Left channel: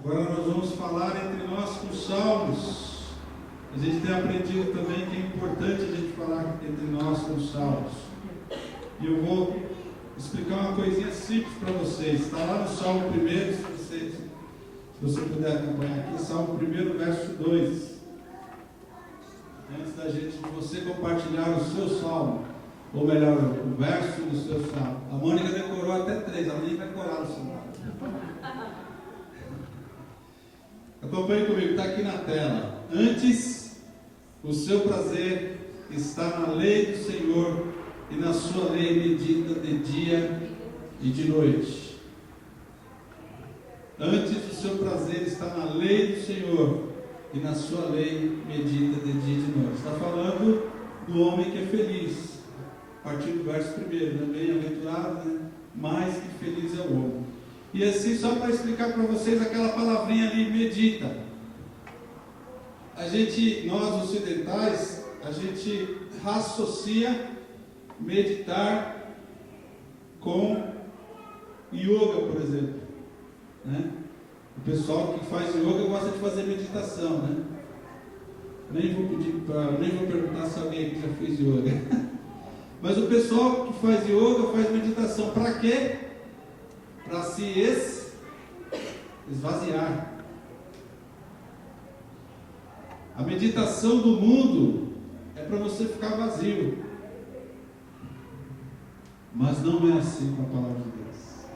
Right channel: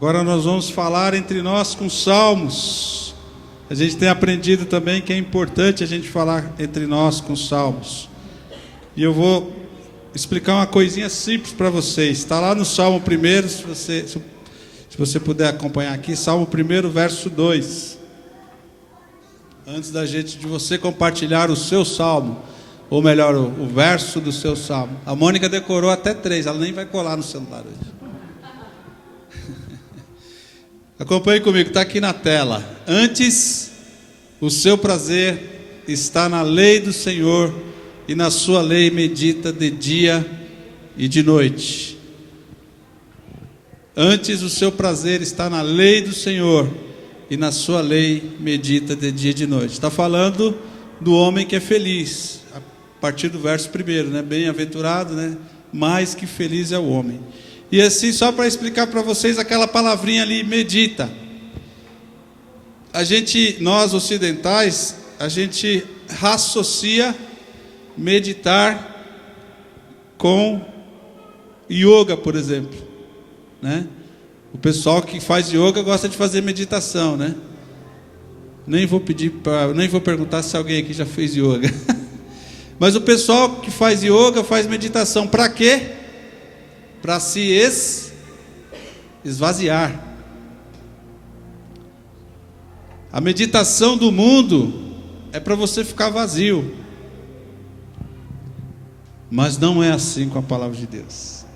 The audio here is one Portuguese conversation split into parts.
Agora nós vamos falar entre nós com salmos. A gente tem aprendido também que é importante a gente falar entre nós com salmos. E eu vou explicar uma coisinha simples para vocês. Está lá no Salmo 1, se você puder acompanhar aqui, Salmo 1, verso 2. Antes de você compartilhar o seu salmo, ou melhor, o verso do seu salmo. A Mônica decorou até 3, ela nem vai colar no celular. Acompanhe comigo, está aqui na tela. Antes, o seu prazer está na lei do Senhor, e na sua lei medita de dia e de noite. Antes, o seu prazer está na lei do Senhor, e na sua lei medita de dia e de noite. Está falando do homem que é feliz, a partir do verso 1, né? Bem-aventurado, né? Mais que feliz é o homem. E assim, só para explicar para vocês aquela palavrinha ali, medita. Nós ocidentais, a gente associa meditar com yoga, por exemplo, né? O pessoal que faz yoga gosta de fazer meditação, né? Nem vou perguntar se alguém aqui já fez yoga. Mas o pessoal que faz yoga faz meditação para quê? Para se esvaziar. A meditação do mundo é para você ficar vazio. Mas não é assim com a palavra de Deus.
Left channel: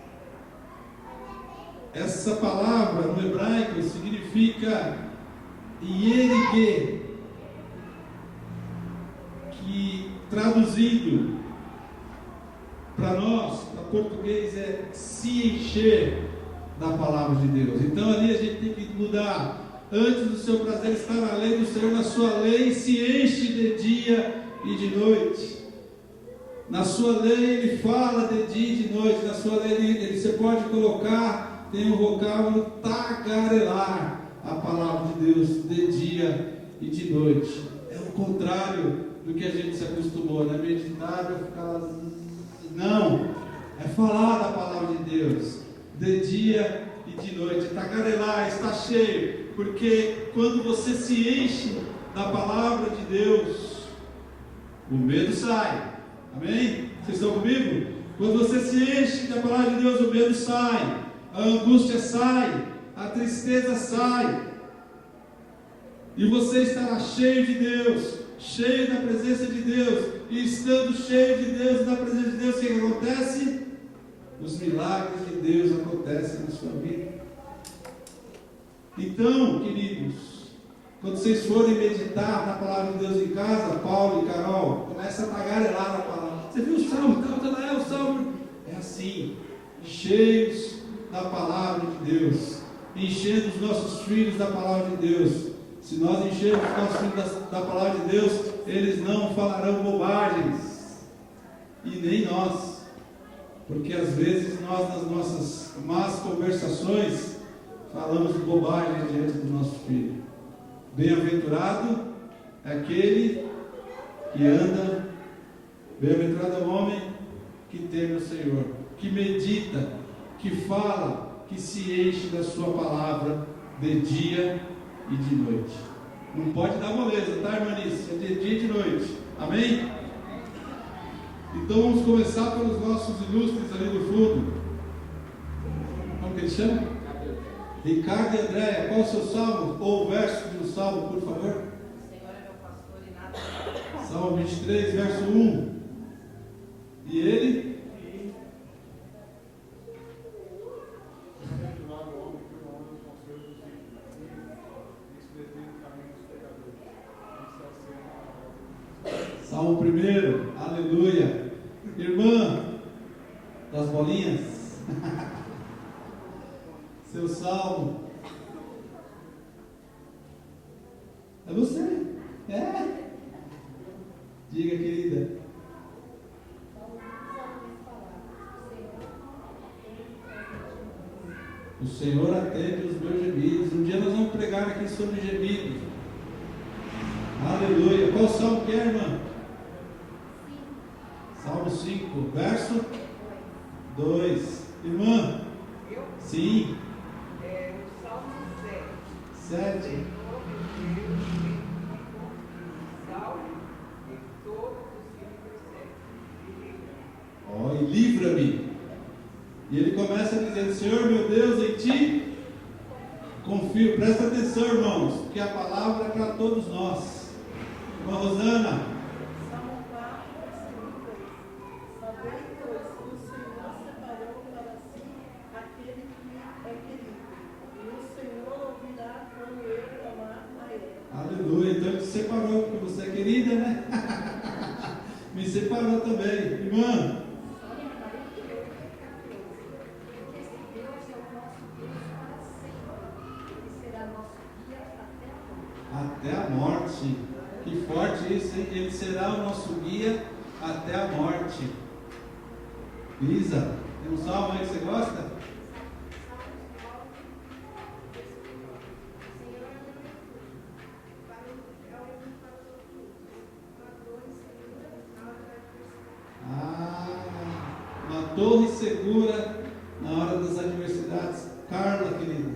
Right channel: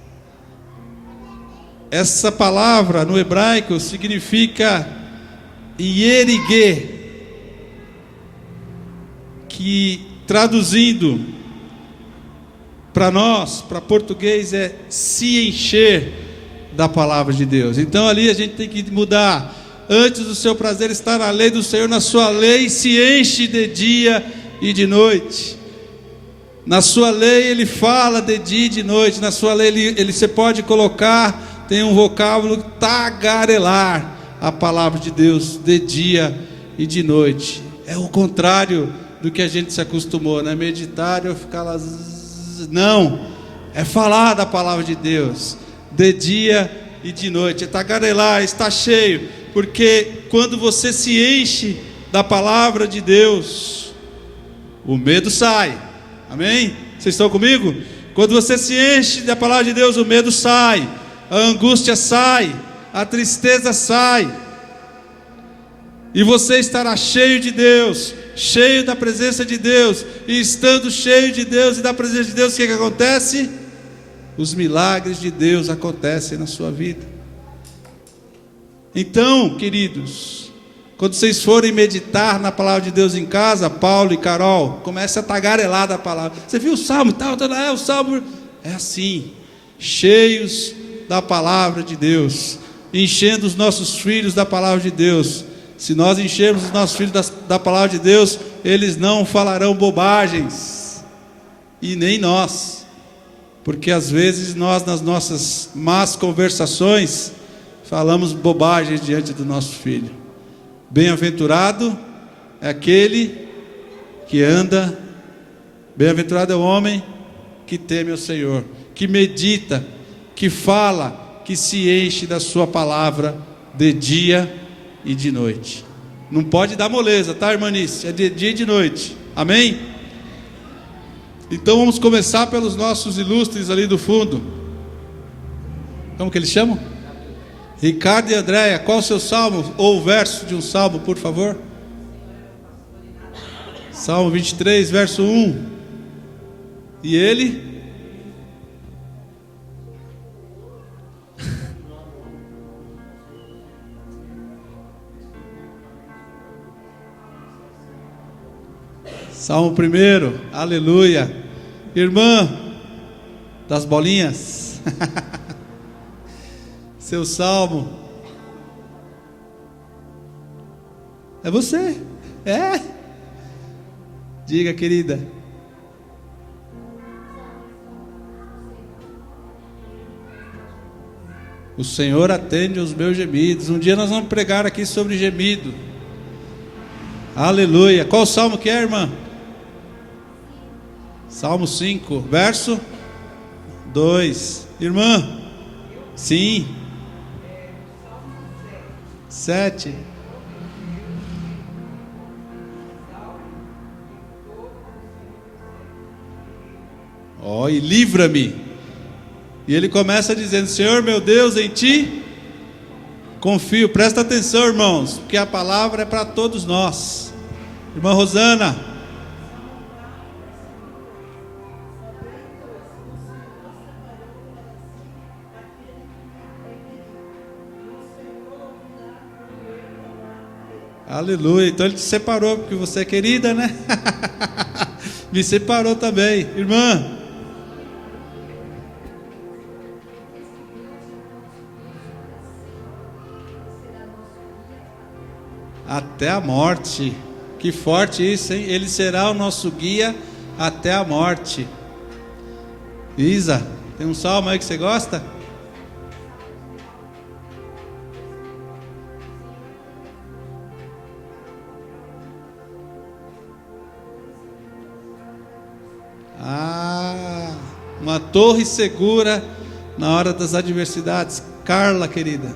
Essa palavra no hebraico significa ierigê, que traduzindo para nós, para português, é se encher da palavra de Deus. Então ali a gente tem que mudar. Antes do seu prazer está na lei do Senhor, na sua lei se enche de dia e de noite. Na sua lei ele fala de dia e de noite. Na sua lei você pode colocar, tem um vocábulo, tagarelar a palavra de Deus de dia e de noite. É o contrário do que a gente se acostumou, né? Meditar ou ficar lá. Não, é falar da palavra de Deus de dia e de noite, é tagarelar, está cheio, porque quando você se enche da palavra de Deus, o medo sai. Amém? Vocês estão comigo? Quando você se enche da palavra de Deus, o medo sai, a angústia sai, a tristeza sai, e você estará cheio de Deus, cheio da presença de Deus. E estando cheio de Deus e da presença de Deus, o que acontece? Os milagres de Deus acontecem na sua vida. Então, queridos, quando vocês forem meditar na palavra de Deus em casa, Paulo e Carol, comece a tagarelar da palavra. Você viu o salmo tal, o salmo é assim, cheios da palavra de Deus, enchendo os nossos filhos da palavra de Deus. Se nós enchermos os nossos filhos da palavra de Deus, eles não falarão bobagens, e nem nós, porque às vezes nós, nas nossas más conversações, falamos bobagens diante do nosso filho. Bem-aventurado é aquele que anda, bem-aventurado é o homem que teme ao Senhor, que medita, que fala, que se enche da sua palavra de dia e de noite. Não pode dar moleza, tá, irmãnice? É de dia e de noite. Amém? Então vamos começar pelos nossos ilustres ali do fundo. Como que eles chamam? Ricardo e Andréia. Qual o seu salmo ou o verso de um salmo, por favor? Salmo 23, verso 1. E ele? Salmo 1, aleluia. Irmã das bolinhas, seu salmo. É você? É? Diga, querida. O Senhor atende os meus gemidos. Um dia nós vamos pregar aqui sobre gemido. Aleluia. Qual salmo que é, irmã? Salmo 5, verso 2. Irmã? Sim. 7. Ó, e livra-me. E ele começa dizendo: Senhor meu Deus, em ti confio. Presta atenção, irmãos, porque a palavra é para todos nós. Irmã Rosana. Aleluia. Então ele te separou porque você é querida, né? Me separou também, irmã. Até a morte. Que forte isso, hein? Ele será o nosso guia até a morte. Isa, tem um salmo aí que você gosta? Uma torre segura na hora das adversidades. Carla, querida.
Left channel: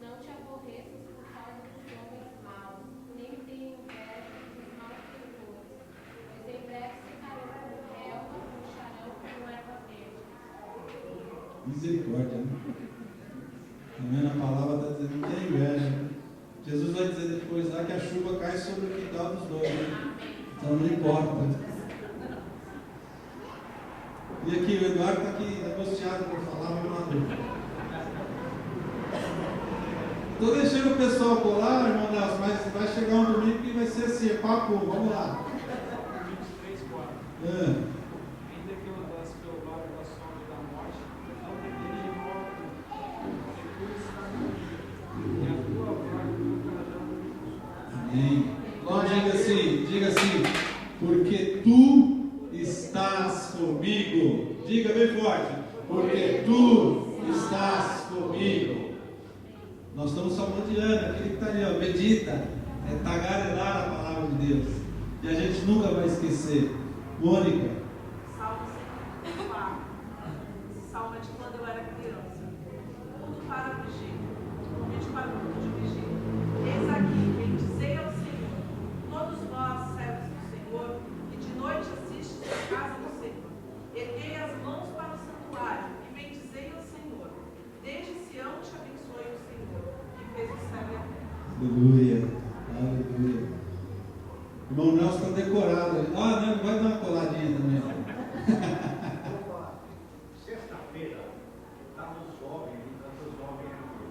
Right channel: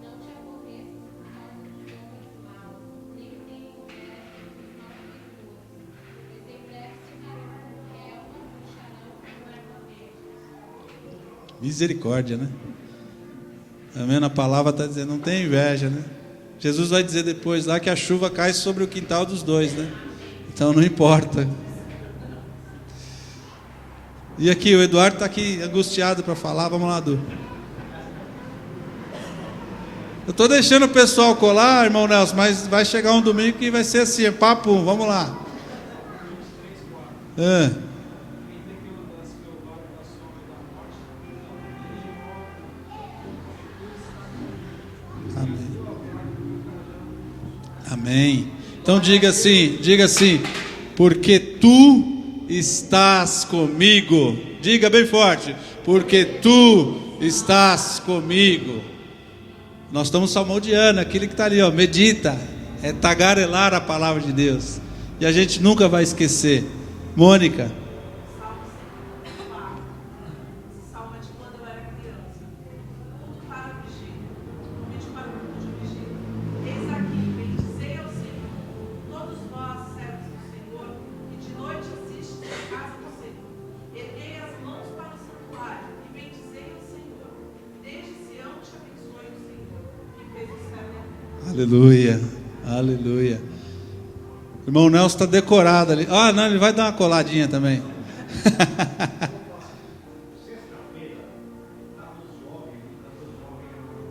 Não te aborreças por causa dos homens maus, nem tenhas inveja dos malfeitores, pois em breve secarão como relva, murcharão como erva verde. Misericórdia, né? Também a palavra está dizendo, não tem inveja, né? Jesus vai dizer depois lá que a chuva cai sobre o quintal dos dois, né? Então não importa. E aqui, o Eduardo está aqui angustiado para falar. Vamos lá, Du. Eu estou deixando o pessoal colar, irmão Nelson, mas vai chegar um domingo que vai ser assim, papo, vamos lá. Amém. Então diga assim, porque tu estás comigo. Diga bem forte, porque tu estás comigo. Nós estamos salmodiando, aquele que está ali, ó, medita, é tagarelar a palavra de Deus. E a gente nunca vai esquecer. Mônica. Aleluia, aleluia. O irmão Nelson está decorado ali. Ah, não, ele vai dar uma coladinha também. Sexta-feira, estava os jovens,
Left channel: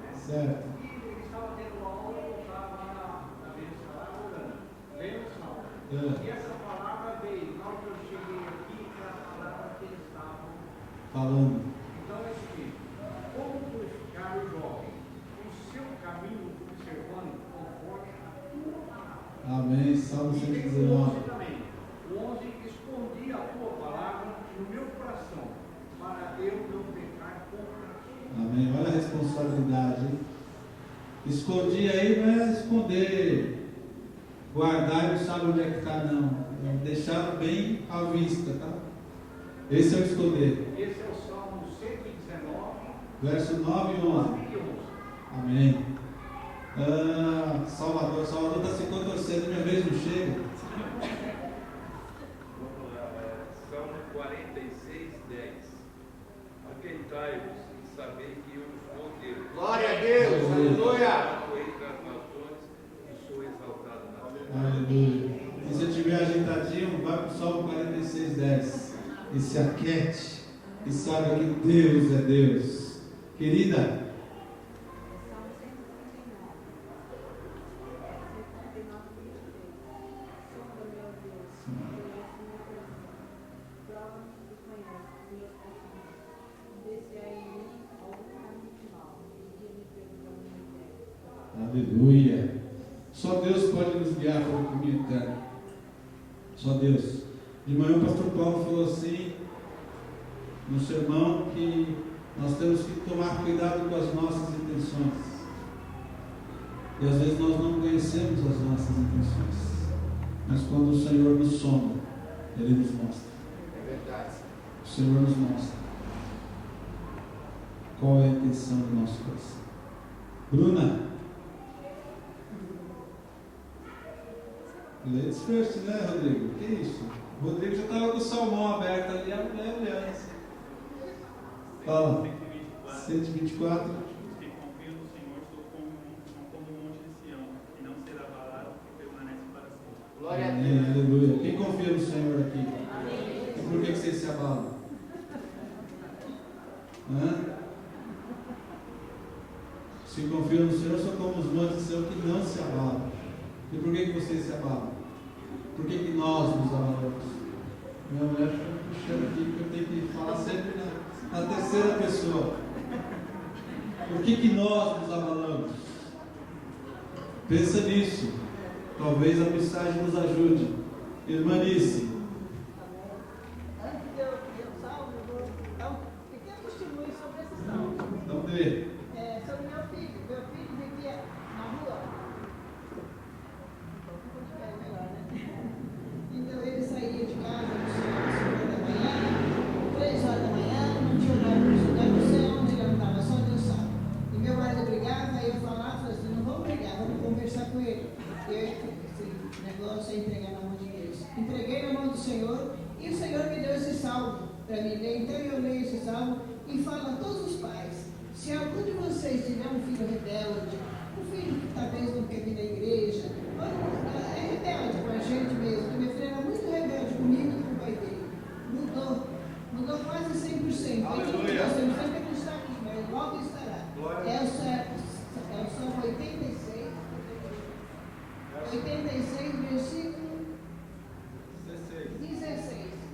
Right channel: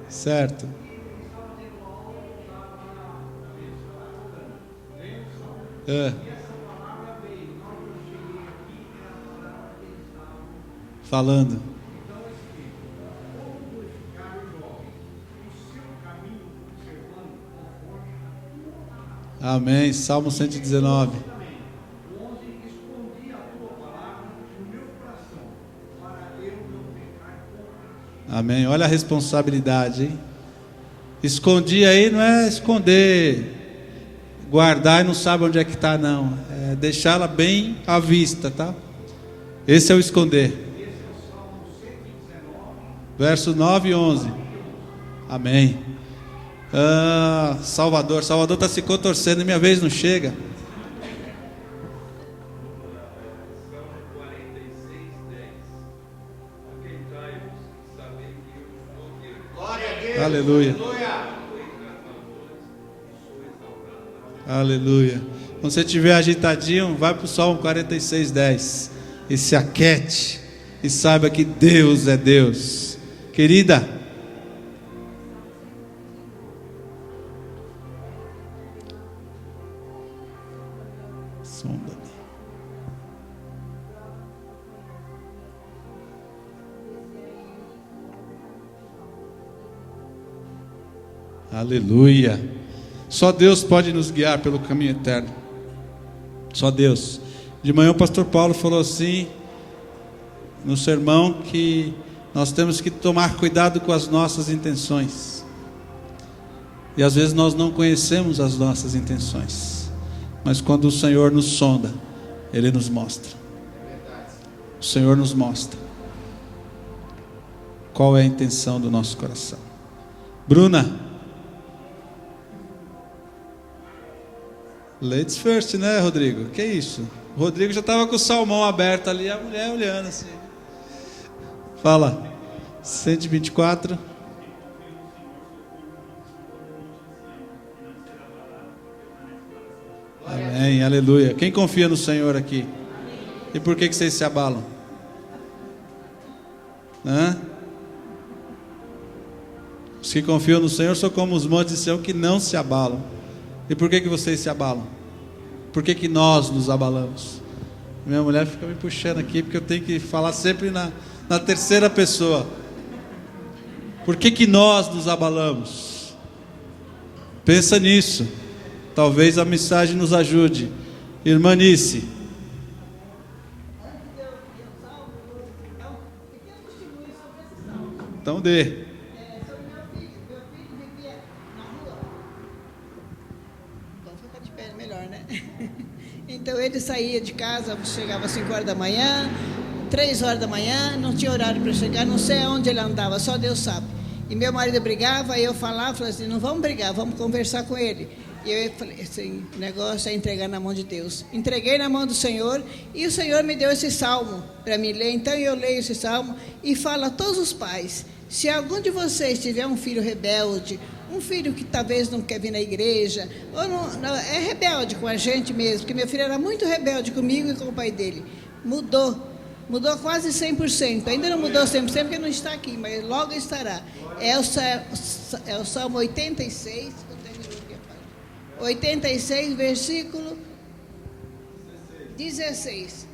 certo. eles estavam tendo aula, eu estava na mesa, estava jogando, lendo. E essa palavra veio, na hora que eu cheguei aqui, era a palavra que eles estavam falando. Então é o seguinte: como purificar o jovem? O seu caminho observando conforme a tua palavra. Amém. Salmo 119. Onde escondi a tua palavra no meu coração, para eu não pecar contra ti. Amém. Olha a responsabilidade, hein? Escondi aí não é esconder, guardar e não sabe onde é que está, não. É deixá-la bem à vista, tá? Esse é o esconder. Esse é o Salmo 119, verso 9 e 11. Amém. Salvador está se contorcendo, minha vez não chega. Salmo 46, 10. Aquentai-vos e sabei que eu sou Deus. Glória a Deus. Aleluia. Sou entre as nações e sou exaltado na terra. Aleluia. Quando você estiver agitadinho, vai para o Salmo 46, 10. E se aquete e saiba que Deus é Deus. Querida, aleluia. Só Deus pode nos guiar pelo caminho eterno. Só Deus. De manhã o pastor Paulo falou assim no sermão que nós temos que tomar cuidado com as nossas intenções. E às vezes nós não conhecemos as nossas intenções. Mas quando o Senhor nos sonda, Ele nos mostra. O Senhor nos mostra. qual é a intenção do nosso coração. Bruna, ladies first, né, Rodrigo? Que isso? O Rodrigo já estava com o salmão aberto ali, a mulher olhando assim. Fala. 124. Amém, aleluia. Quem confia no Senhor aqui? E por que vocês se abalam? Os que confiam no Senhor são como os montes de Sião que não se abalam. E por que vocês se abalam? Por que nós nos abalamos? Minha mulher fica me puxando aqui porque eu tenho que falar sempre na terceira pessoa. Por que nós nos abalamos? Pensa nisso. Talvez a mensagem nos ajude. Irmã Nice. Antes de eu salvo, eu vou dar um pequeno testemunho sobre esse salmo. Então dê. Sobre meu filho. Meu filho vivia na rua. Então fica de pé, melhor, né? Então ele saía de casa, chegava às 5 horas da manhã, 3 horas da manhã, não tinha horário para chegar, não sei aonde ele andava, só Deus sabe. E meu marido brigava, aí eu falava assim, não vamos brigar, vamos conversar com ele. E eu falei, esse negócio é entregar na mão de Deus. Entreguei na mão do Senhor e o Senhor me deu esse salmo para mim ler. Então eu leio esse salmo e falo a todos os pais, se algum de vocês tiver um filho rebelde, um filho que talvez não quer vir na igreja, ou não, é rebelde com a gente mesmo, porque meu filho era muito rebelde comigo e com o pai dele. Mudou quase 100%, ainda não mudou 100% porque não está aqui, mas logo estará. É o Salmo 86, versículo 16.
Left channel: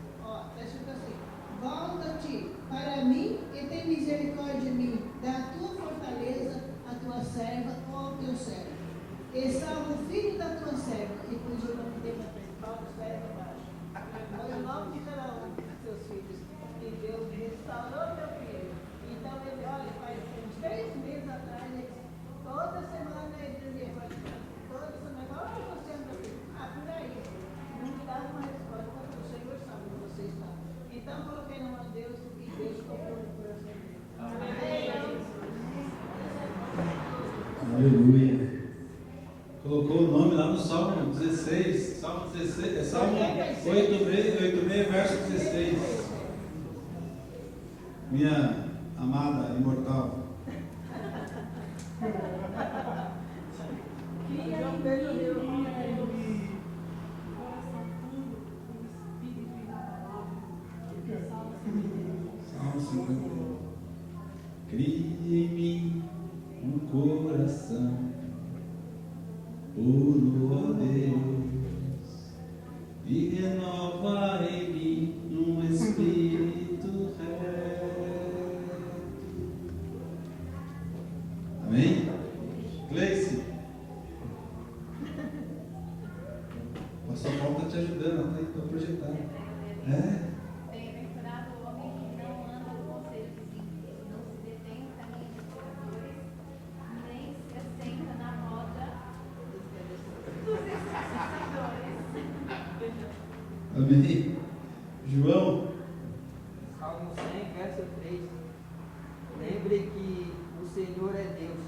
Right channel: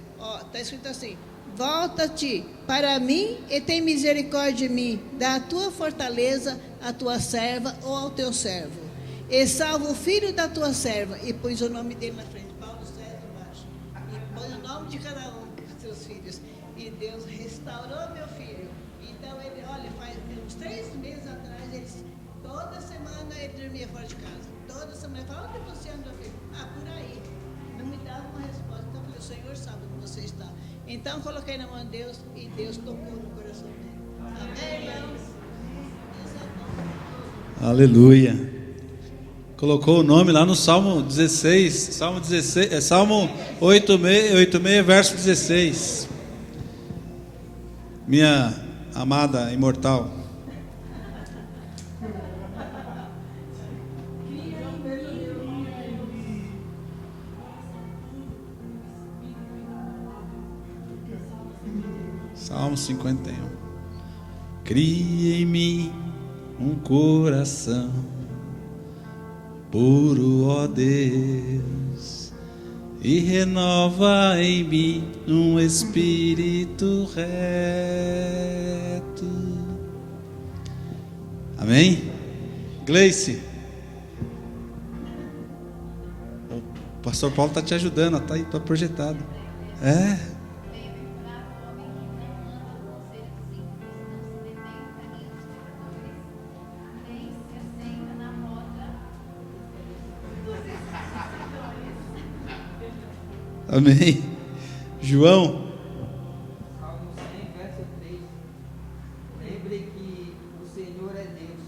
Está escrito assim: volta-te para mim e tem misericórdia de mim, dá a tua fortaleza à tua serva ou ao teu servo, e salva o filho da tua serva. E pôs o nome dele na frente, Paulo Sérgio embaixo, e põe o nome de cada um dos seus filhos. E Deus restaurou meu filho. Então ele, olha, faz uns 3 meses atrás, toda semana ele dormia fora de casa. Toda semana ele fala, onde você anda, filho? Por aí. Não me dava uma resposta. Então o Senhor sabe onde você está. Então coloquei na mão de Deus e Deus tocou no coração dele. Amém. Aleluia. Colocou o nome lá no Salmo 16, Salmo 86, verso 16. Minha amada imortal. Salmo 51. Cria em mim um coração puro, ó Deus, e renova em mim um espírito reto. Amém? Gleice, o pastor Paulo está te ajudando, está aí, está projetado. Bem-aventurado o homem que não anda no conselho dos ímpios, não se detém no caminho dos pecadores, nem se assenta na roda dos escarnecedores. Amém. João. Salmo 100, verso 3. Lembre que o Senhor é Deus,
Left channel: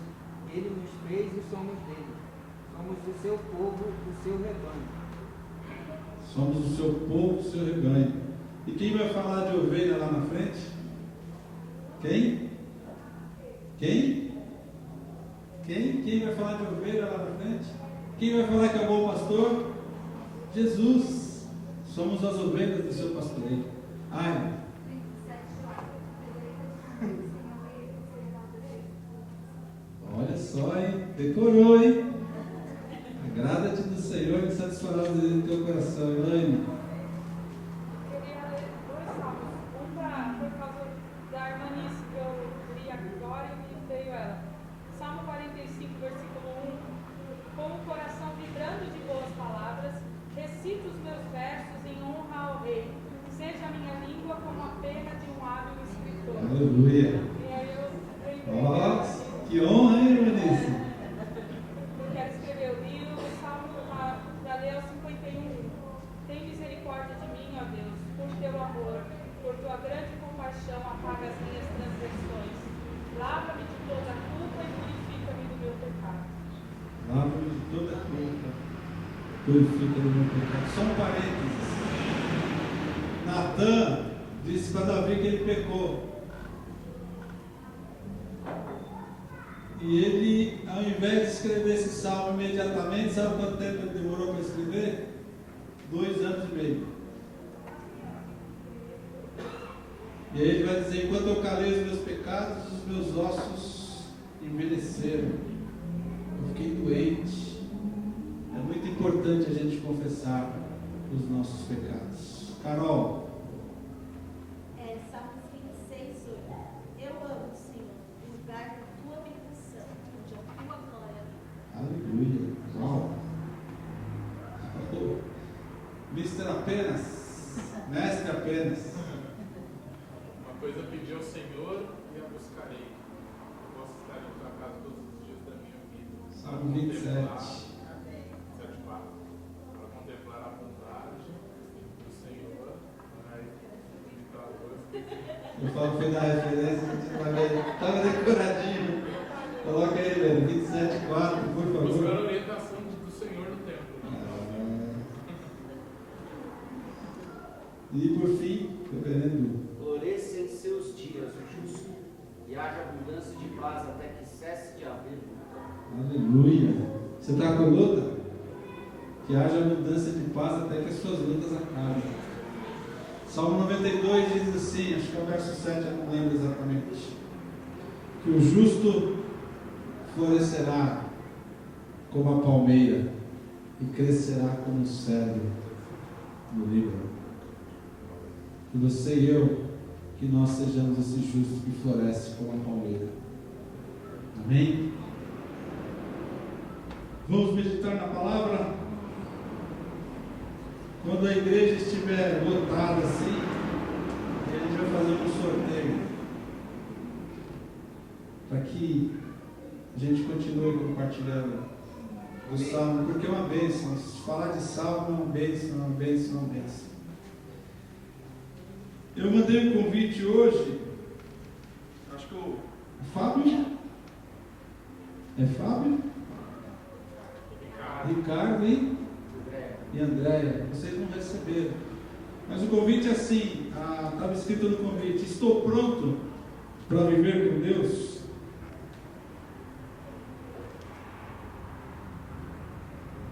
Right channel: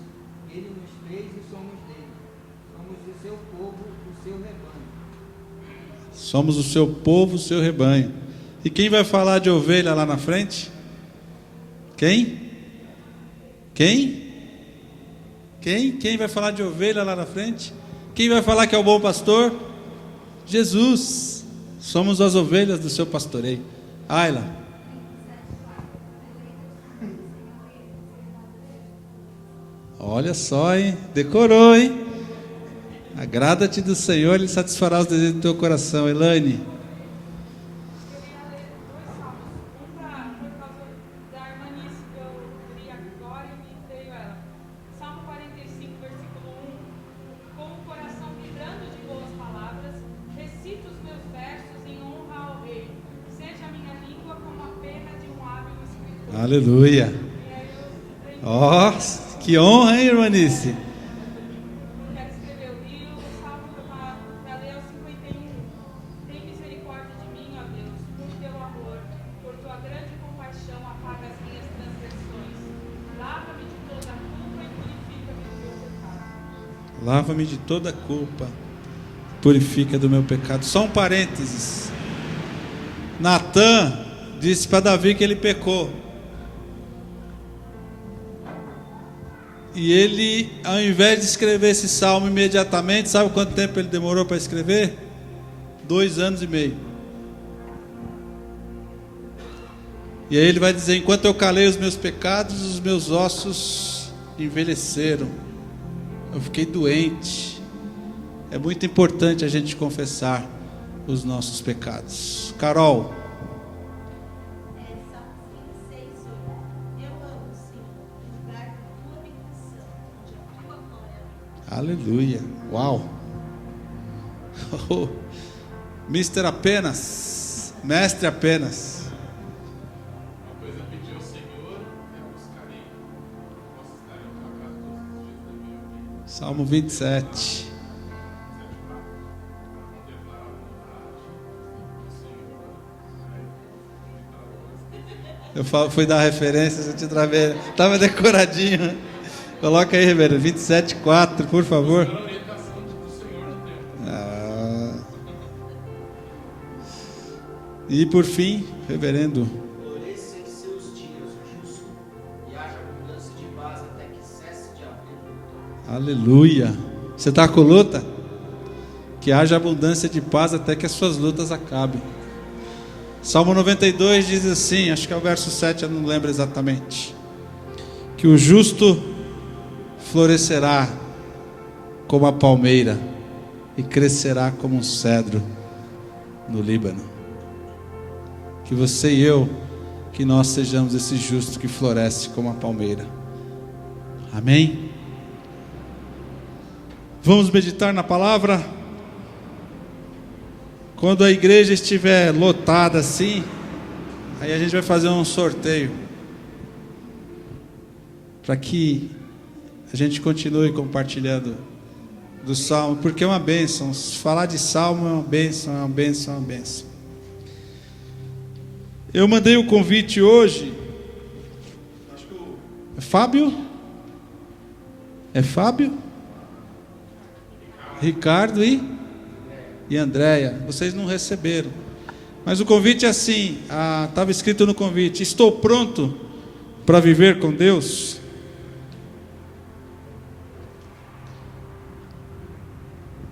Ele nos fez e somos dele. Somos o seu povo, o seu rebanho. Somos o seu povo, o seu rebanho. E quem vai falar de ovelha lá na frente? Quem? Quem vai falar de ovelha lá na frente? Quem vai falar que é o bom pastor? Jesus. Somos as ovelhas do seu pastoreio. Ayla. Olha só, hein? Decorou, hein? Agrada-te do Senhor, Ele satisfará os desejos do teu coração. Elaine. Eu queria ler 2 salmos. Por causa da irmã Nice, que eu li agora e me veio ela. Salmo 45, versículo 1. Com o coração vibrando de boas palavras, recito os meus versos em honra ao Rei. Seja a minha língua como a pena de um hábil escritor. Aleluia. E aí eu aprendi. Que honra, hein, irmã Nice? Quero escrever o livro, o salmo para ler o 51. Tem misericórdia de mim, ó Deus, por teu amor, por tua grande compaixão, apaga as minhas transgressões. Lava-me de toda culpa, purifica do meu pecado. Só um parênteses. Natã disse para Davi que ele pecou. E ele, ao invés de escrever esse salmo imediatamente, sabe quanto tempo ele demorou para escrever? 2 anos e meio. E aí ele vai dizer: enquanto eu calei os meus pecados, os meus ossos envelheceram. Eu fiquei doente. É muito importante a gente confessar os nossos pecados. Carol. Salmos 26, 8. Eu amo, Senhor, o lugar da tua habitação, onde a tua glória habita. Aleluia. Uau. Oh. Mister apenas. Mestre apenas. Uma coisa eu pedi ao Senhor e a buscarei. Posso estar em tua casa todos os dias da minha vida. Salmo 27. Para contemplar a bondade do Senhor. Ai, Eu fui dar referência, eu te travei. Estava decoradinho. Coloca aí, reverendo. 27:4, por favor. buscar a orientação do Senhor no tempo. E por fim, reverendo. Floresça em seus dias o justo, e haja abundância de paz até que cesse de haver luta. Aleluia. Você está com luta? Que haja abundância de paz até que as suas lutas acabem. Salmo 92 diz assim, acho que é o verso 7, eu não lembro exatamente. Que o justo florescerá como a palmeira e crescerá como um cedro no Líbano. Que você e eu, que nós sejamos esse justo que floresce como a palmeira. Amém? Vamos meditar na palavra? Quando a igreja estiver lotada assim, aí a gente vai fazer um sorteio, para que a gente continue compartilhando do Salmo, porque é uma bênção. Falar de Salmo é uma bênção, é uma bênção, é uma bênção. Eu mandei um convite hoje, acho que é Fábio? É Fábio? Ricardo e Andréia. Vocês não receberam. Mas o convite é assim, estava escrito no convite: estou pronto para viver com Deus?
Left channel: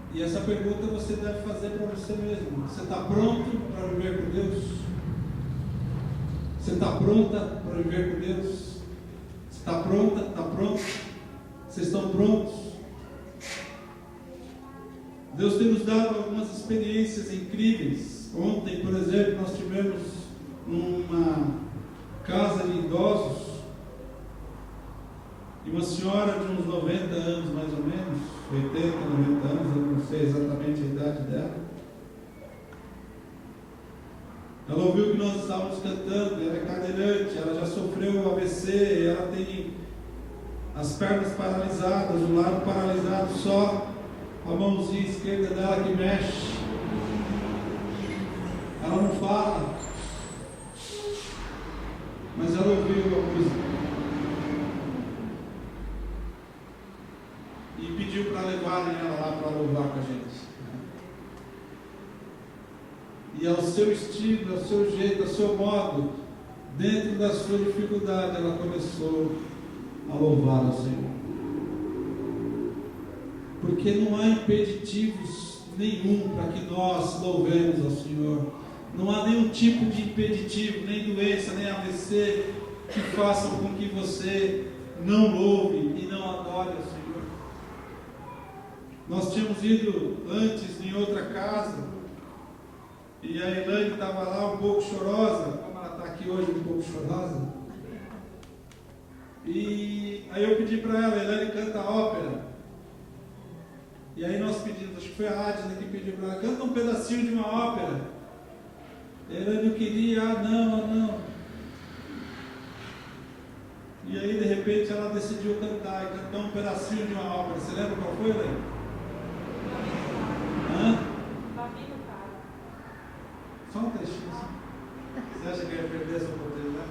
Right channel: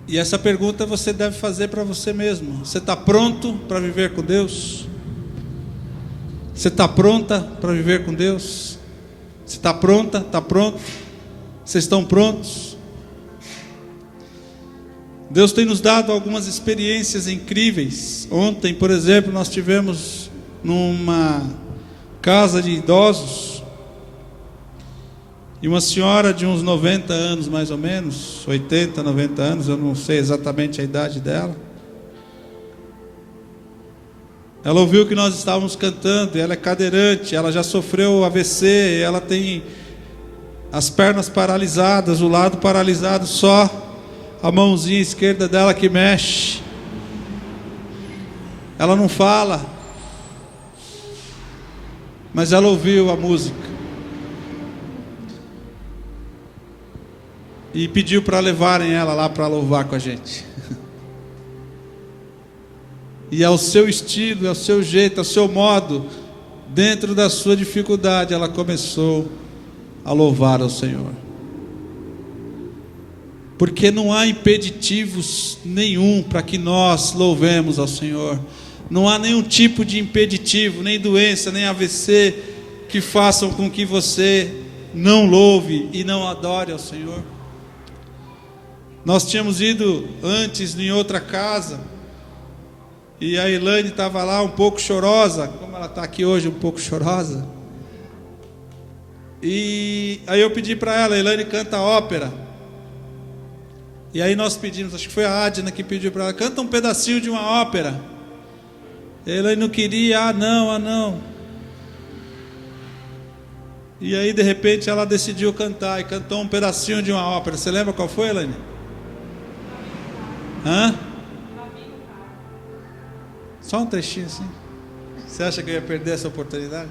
E essa pergunta você deve fazer para você mesmo. Você está pronto para viver com Deus? Você está pronta para viver com Deus? Você está pronta? Está pronto? Vocês estão prontos? Deus tem nos dado algumas experiências incríveis. Ontem, por exemplo, nós tivemos numa casa de idosos, e uma senhora de uns 90 anos mais ou menos, 80, 90 anos, eu não sei exatamente a idade dela. Ela ouviu que nós estávamos cantando, ela é cadeirante, ela já sofreu AVC, ela tem as pernas paralisadas, o lado paralisado, só a mãozinha esquerda dela que mexe. Ela não fala, mas ela ouviu a música e pediu para levarem ela lá para louvar com a gente. E ao seu estilo, ao seu jeito, ao seu modo, dentro da sua dificuldade, ela começou a louvar ao Senhor. Porque não há impeditivos nenhum para que nós louvemos ao Senhor. Não há nenhum tipo de impeditivo, nem doença, nem AVC, que façam com que você não louve e não adore ao Senhor. Nós tínhamos ido antes em outra casa, e a Elaine estava lá um pouco chorosa, como ela está aqui hoje um pouco chorosa. E aí eu pedi para ela: Elaine, canta ópera. E aí nós pedimos, acho que foi a Adna que pediu para ela: canta um pedacinho de uma ópera. A Elaine não queria, não. E aí de repente ela decidiu cantar, e cantou um pedacinho de uma ópera. Você lembra qual foi, Elaine? Hã? Só um trechinho assim. Você acha que eu ia perder essa oportunidade?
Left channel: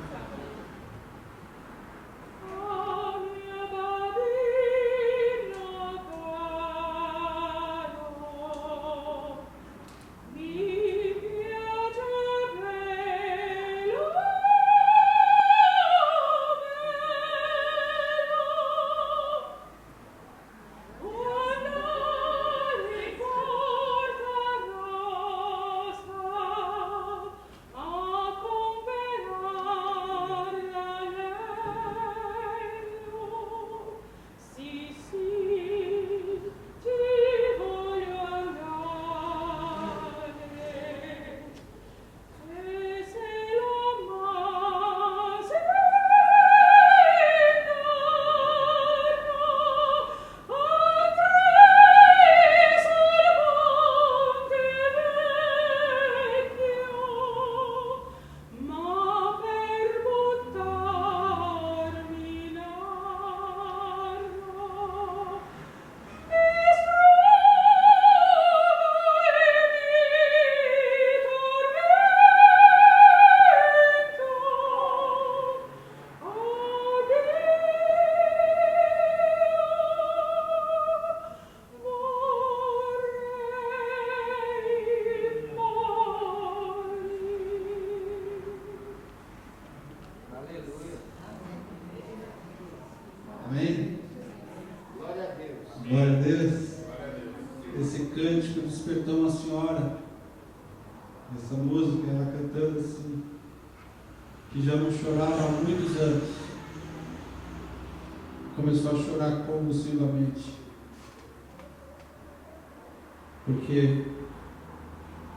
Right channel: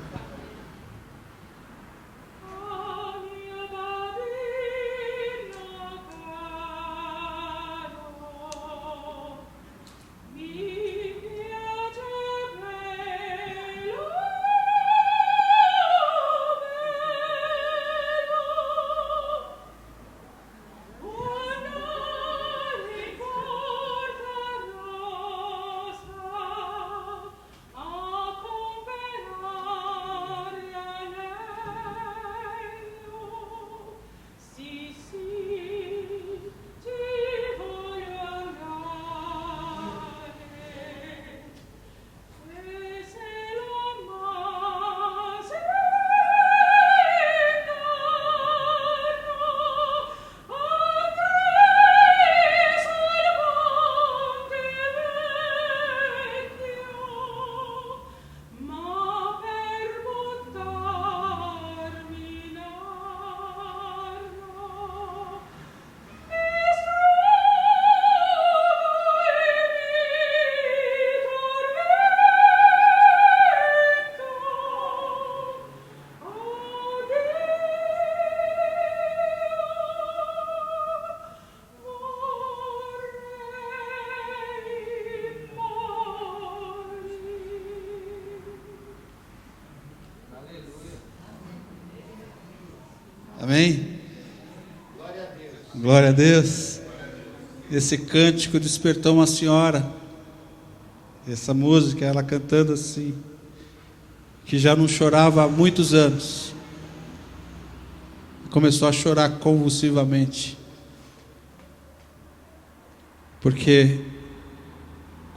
Amém? Glória a Deus. Glória a Deus. Esse cântico despertou uma senhora. Essa música, ela cantando assim, que já não chorava há muitos anos, começou a chorar convulsivamente, porque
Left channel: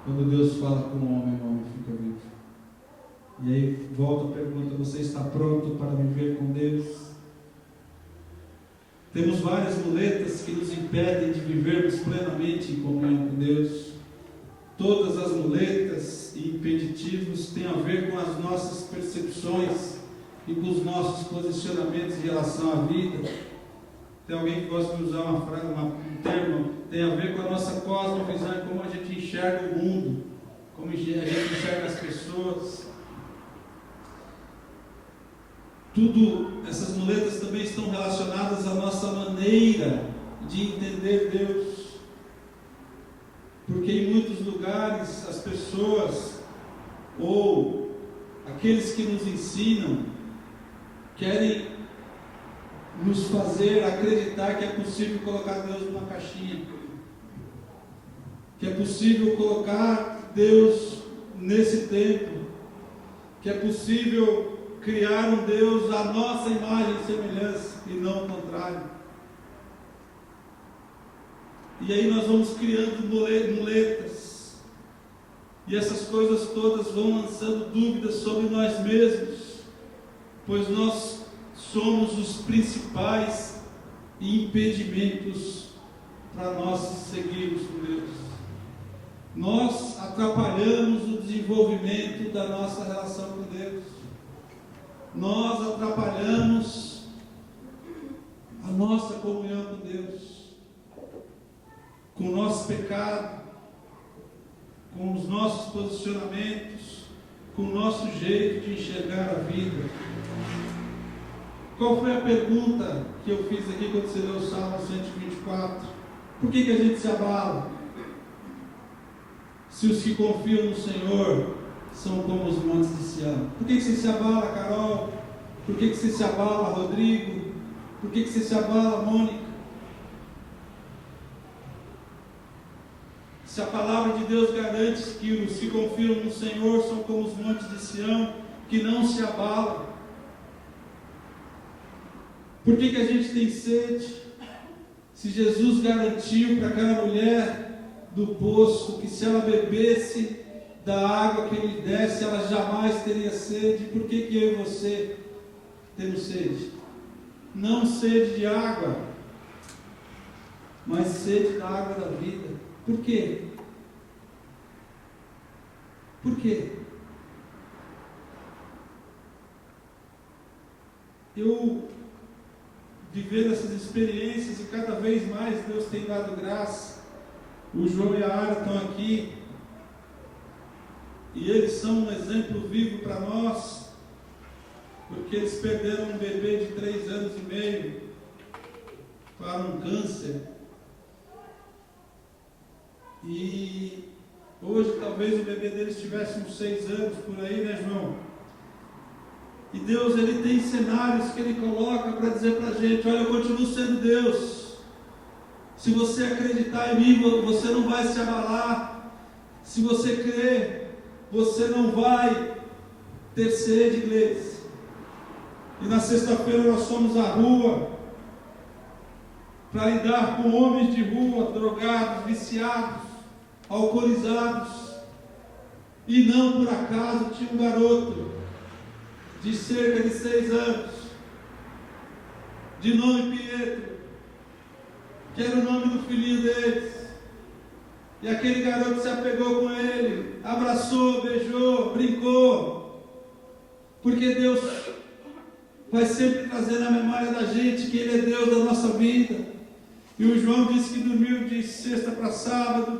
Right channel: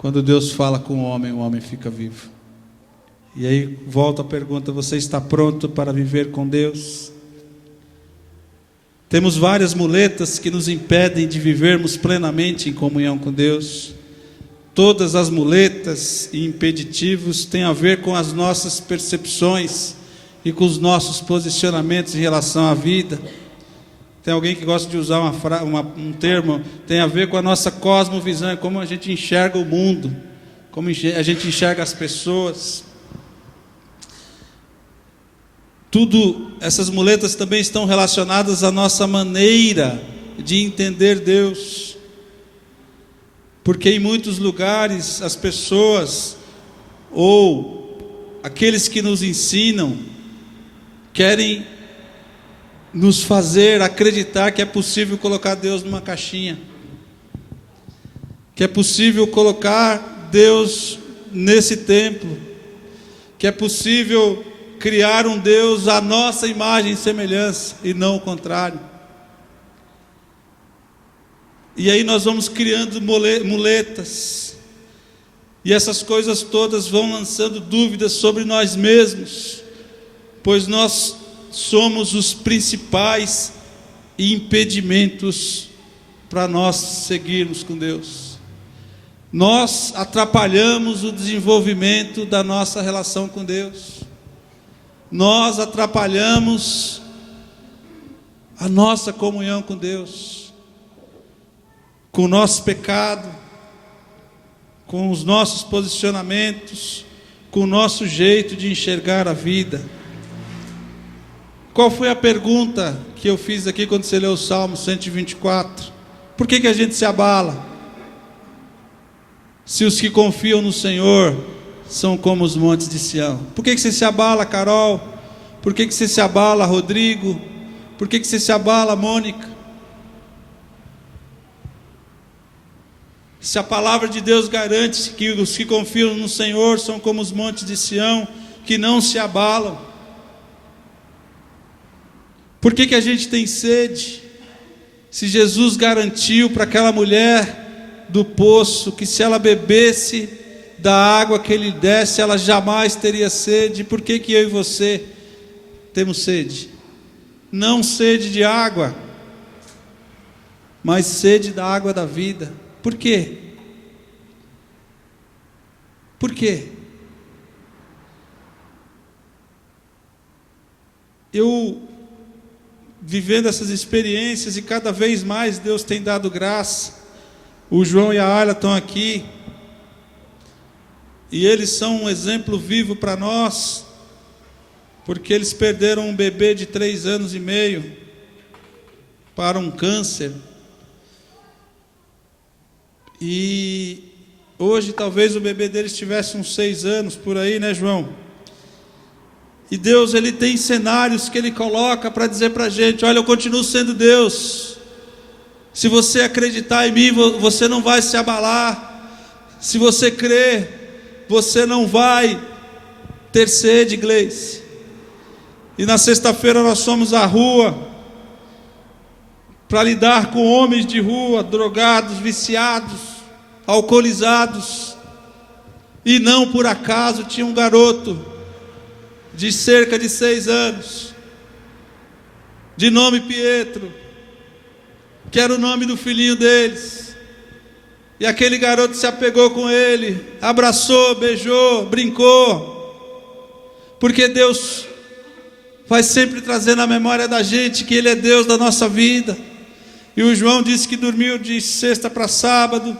quando Deus fala com o homem fica vivo. E aí volta a pergunta: você está pronto para viver com Deus? Temos várias muletas que nos impedem de vivermos plenamente em comunhão com Deus. Todas as muletas e impeditivos têm a ver com as nossas percepções e com os nossos posicionamentos em relação à vida. Tem alguém que gosta de usar um termo, tem a ver com a nossa cosmovisão, como a gente enxerga o mundo, como a gente enxerga as pessoas. Tudo, essas muletas também estão relacionadas à nossa maneira de entender Deus. Porque em muitos lugares as pessoas, ou aqueles que nos ensinam, querem nos fazer acreditar que é possível colocar Deus numa caixinha, que é possível colocar Deus nesse templo, que é possível criar um Deus à nossa imagem e semelhança, e não o contrário. E aí nós vamos criando muletas, e essas coisas todas vão lançando dúvidas sobre nós mesmos, pois nós somos os principais impedimentos para nós seguirmos com Deus. Nós atrapalhamos o desenvolvimento da nossa relação com Deus. Nós atrapalhamos a nossa comunhão com Deus, com o nosso pecado, com os nossos posicionamentos, com o nosso jeito de enxergar a vida. Qual foi a pergunta que eu fiz aqui quando você leu o Salmo 124? Por que a gente se abala? Se os que confiam no Senhor são como os montes de Sião. Por que você se abala, Carol? Por que você se abala, Rodrigo? Por que você se abala, Mônica? Se a palavra de Deus garante que os que confiam no Senhor são como os montes de Sião, que não se abalam. Por que a gente tem sede? Se Jesus garantiu para aquela mulher do poço que se ela bebesse da água que Ele desse, ela jamais teria sede, por que eu e você temos sede? Não sede de água, mas sede da água da vida. Por quê? Por quê? Eu, vivendo essas experiências, e cada vez mais Deus tem dado graça. O João e a Ayla estão aqui, e eles são um exemplo vivo para nós, porque eles perderam um bebê de 3 anos e meio para um câncer. E hoje talvez o bebê deles tivesse uns 6 anos por aí, né, João? E Deus, Ele tem cenários que Ele coloca para dizer para a gente: olha, eu continuo sendo Deus. Se você acreditar em mim, você não vai se abalar. Se você crer, você não vai ter sede, Gleice. E na sexta-feira nós fomos à rua para lidar com homens de rua, drogados, viciados, alcoolizados. E não por acaso tinha um garoto de cerca de 6 anos, de nome Pietro, que era o nome do filhinho deles. E aquele garoto se apegou com ele, abraçou, beijou, brincou, porque Deus vai sempre trazer na memória da gente que Ele é Deus da nossa vida. E o João disse que dormiu de sexta para sábado,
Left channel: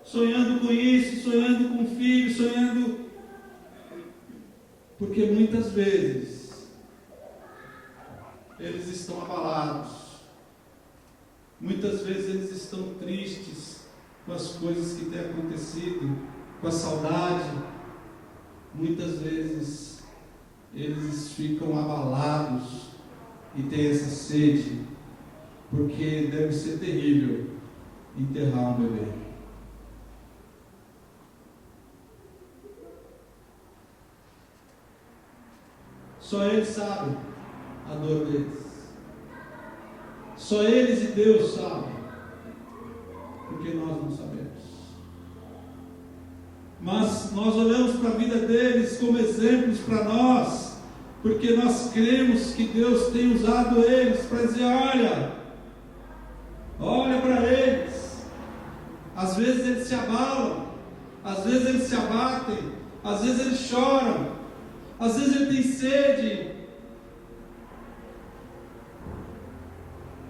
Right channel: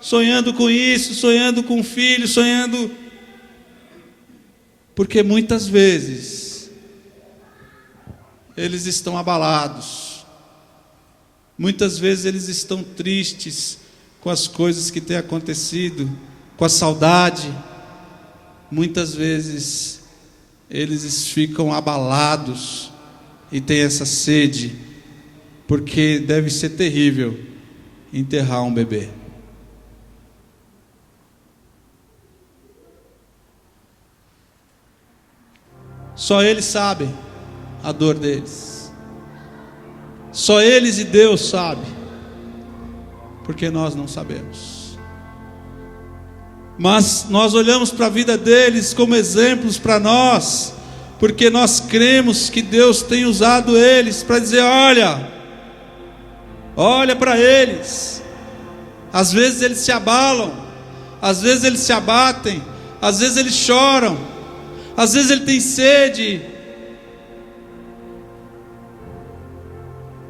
sonhando com isso, sonhando com o filho, sonhando, porque muitas vezes eles estão abalados, muitas vezes eles estão tristes com as coisas que têm acontecido, com a saudade. Muitas vezes eles ficam abalados e tem essa sede, porque deve ser terrível enterrar um bebê. Só eles sabem a dor deles. Só eles e Deus sabem, porque nós não sabemos. Mas nós olhamos para a vida deles como exemplos para nós, porque nós cremos que Deus tem usado eles para dizer: olha para eles. Às vezes eles se abalam, às vezes eles se abatem, às vezes eles choram, às vezes ele tem sede,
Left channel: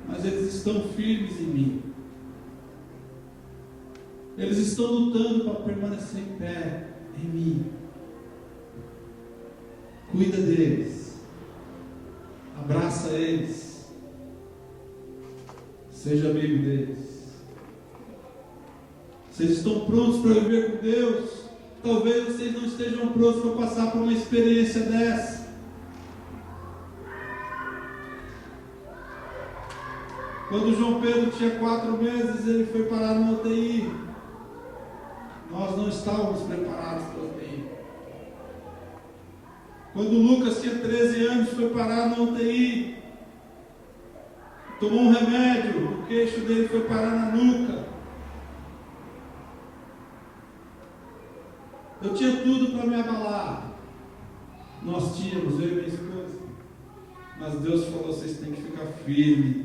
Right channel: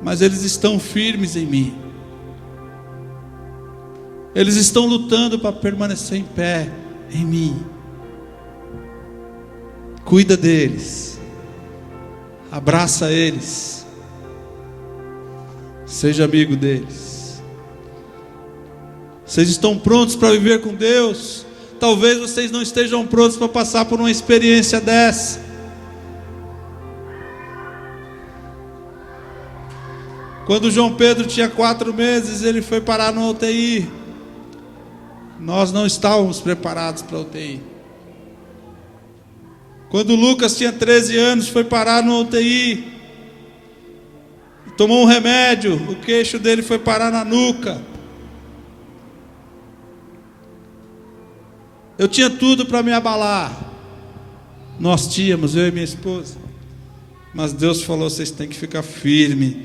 mas eles estão firmes em mim. Eles estão lutando para permanecer em pé em mim. Cuida deles, abraça eles, seja amigo deles. Vocês estão prontos para viver com Deus? Talvez vocês não estejam prontos para passar por uma experiência dessa. Quando João Pedro tinha 4 meses, ele foi parar no UTI. Nós não estávamos preparados para a UTI. Quando Lucas tinha 13 anos, foi parar no UTI. Tomou um remédio, o queixo dele foi parar na nuca. Eu tinha tudo para me abalar. Nós tínhamos, eu e minha esposa. Mas Deus falou: vocês têm que ficar firmes,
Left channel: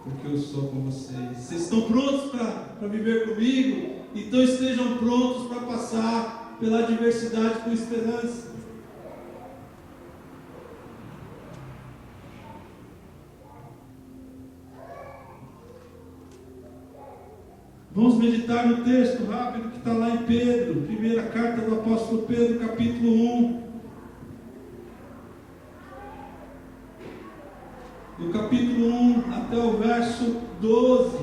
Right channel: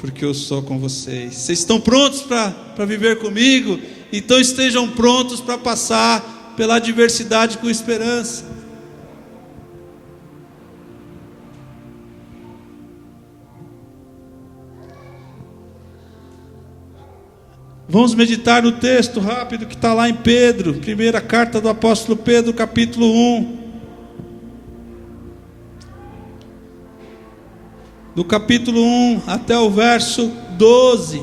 porque eu sou com vocês. Vocês estão prontos para viver comigo? Então estejam prontos para passar pela adversidade com esperança. Vamos meditar no texto rápido que está lá em Pedro, primeira carta do apóstolo Pedro, capítulo 1. Do capítulo 1 até o verso 12.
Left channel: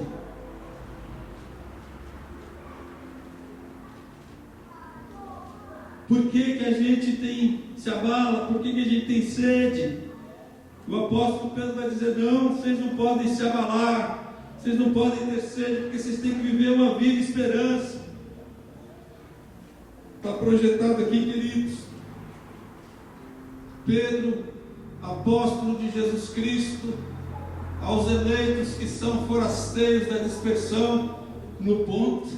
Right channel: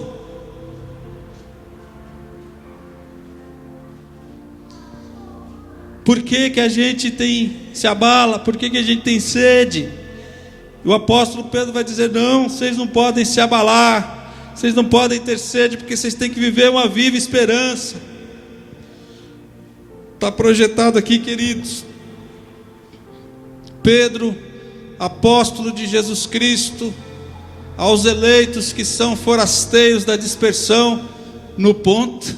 Por que que a gente se abala? Por que que a gente tem sede? O apóstolo Pedro vai dizer: não, vocês não podem se abalar. Vocês não podem ter sede, porque vocês têm que viver uma viva esperança. Está projetado aqui, queridos. Pedro, apóstolo de Jesus Cristo, aos eleitos que são forasteiros da dispersão no Ponto,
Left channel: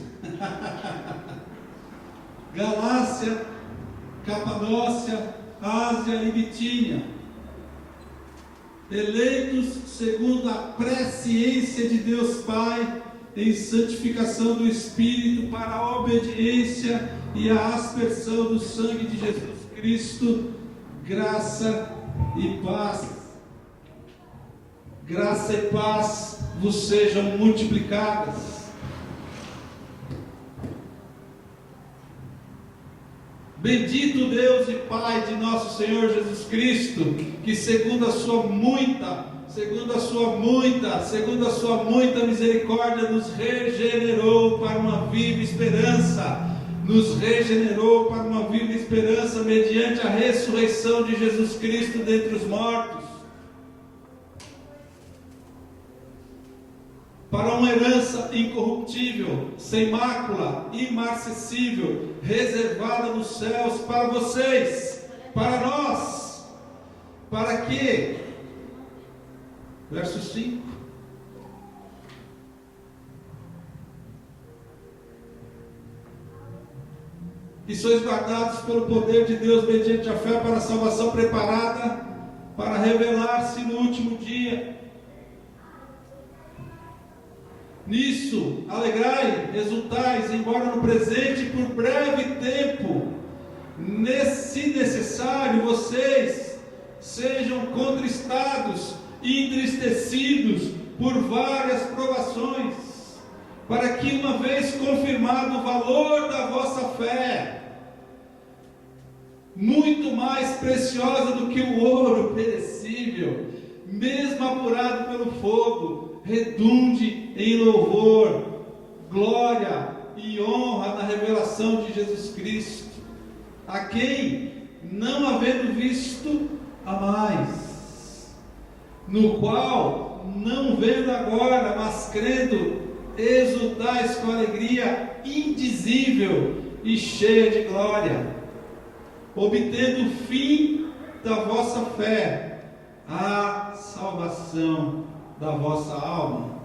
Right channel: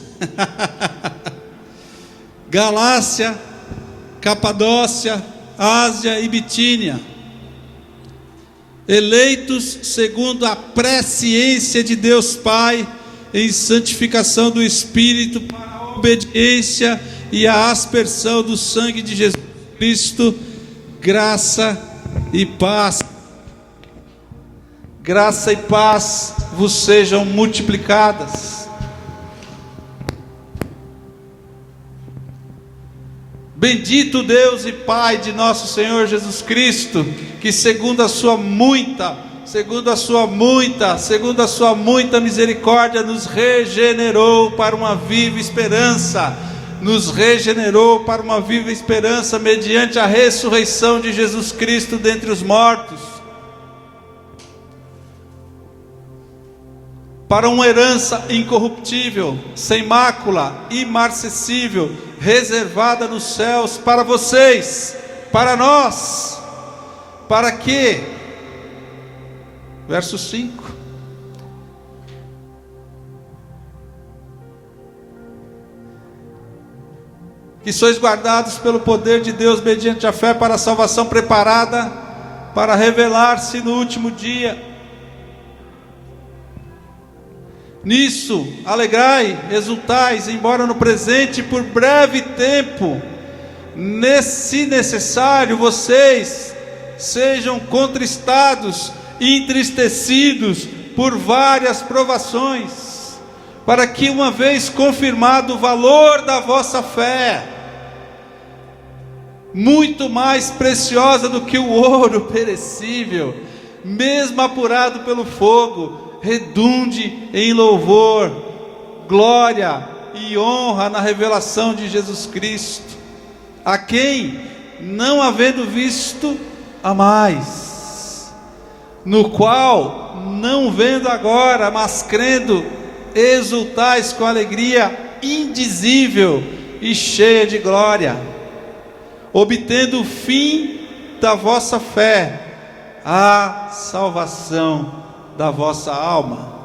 Galácia, Capadócia, Ásia e Bitínia, eleitos segundo a presciência de Deus Pai, em santificação do Espírito, para a obediência e a aspersão do sangue de Jesus Cristo, graça e paz vos sejam multiplicadas. Bendito Deus e Pai de nosso Senhor Jesus Cristo, que segundo a sua muita misericórdia, nos regenerou para uma viva esperança, mediante a ressurreição de Jesus Cristo dentre os mortos, para uma herança incorruptível, sem mácula, imarcessível, reservada nos céus para vocês, para nós, para que, verso 5, que sois guardados pelo poder de Deus mediante a fé para a salvação preparada para revelar-se no último dia. Nisso alegrai, exultais, embora no presente por breve tempo, se necessário, vocês sejam contristados e entristecidos por várias provações, para que, uma vez confirmado o valor da vossa fé, muito mais preciosa do que o ouro perecível, mesmo apurado pelo fogo, redunde em louvor, glória e honra na revelação de Jesus Cristo, a quem, não havendo visto, amais, no qual, não vendo agora, mas crendo, exultais com alegria indizível e cheia de glória, obtendo o fim da vossa fé, a salvação da vossa alma.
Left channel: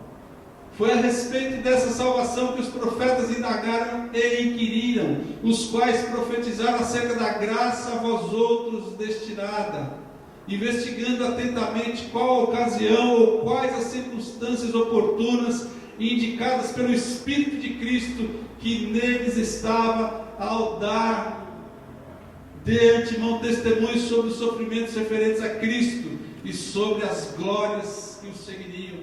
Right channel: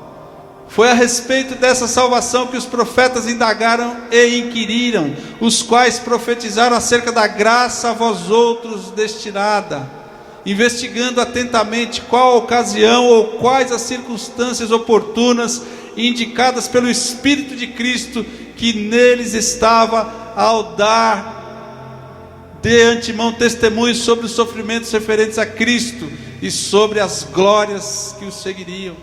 Foi a respeito dessa salvação que os profetas indagaram e inquiriram, os quais profetizaram acerca da graça a vós outros destinada, investigando atentamente qual a ocasião ou quais as circunstâncias oportunas indicadas pelo Espírito de Cristo que neles estava, ao dar de antemão testemunho sobre os sofrimentos referentes a Cristo e sobre as glórias que os seguiriam.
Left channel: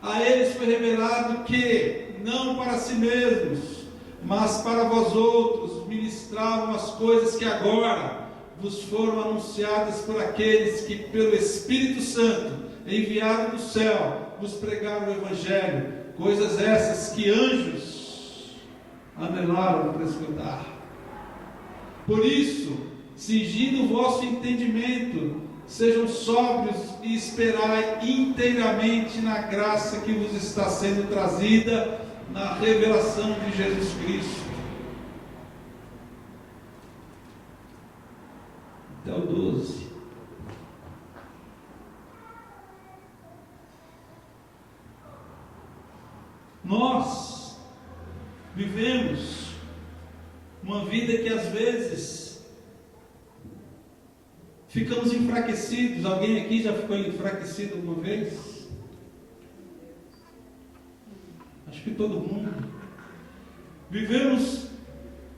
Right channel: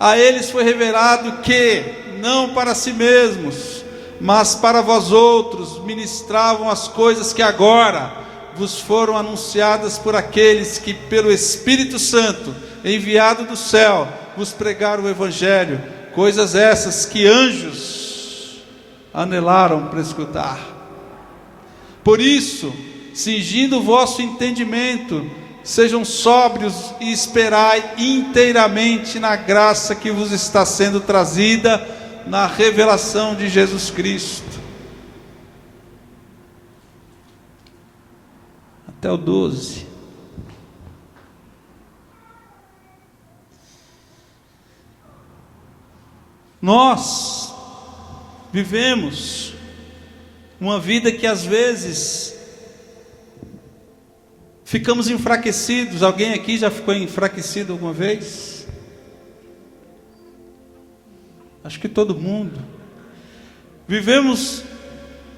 A eles foi revelado que, não para si mesmos, mas para vós outros, ministravam as coisas que agora vos foram anunciadas por aqueles que, pelo Espírito Santo, enviado do céu, vos pregaram o Evangelho, coisas essas que anjos anelaram para escutar. Por isso, cingindo o vosso entendimento, sejam sóbrios e esperai inteiramente na graça que vos está sendo trazida na revelação de Jesus Cristo. Até o 12. Nós vivemos uma vida que às vezes ficamos enfraquecidos. Alguém aqui já ficou enfraquecido alguma vez? Acho que todo mundo. Vivemos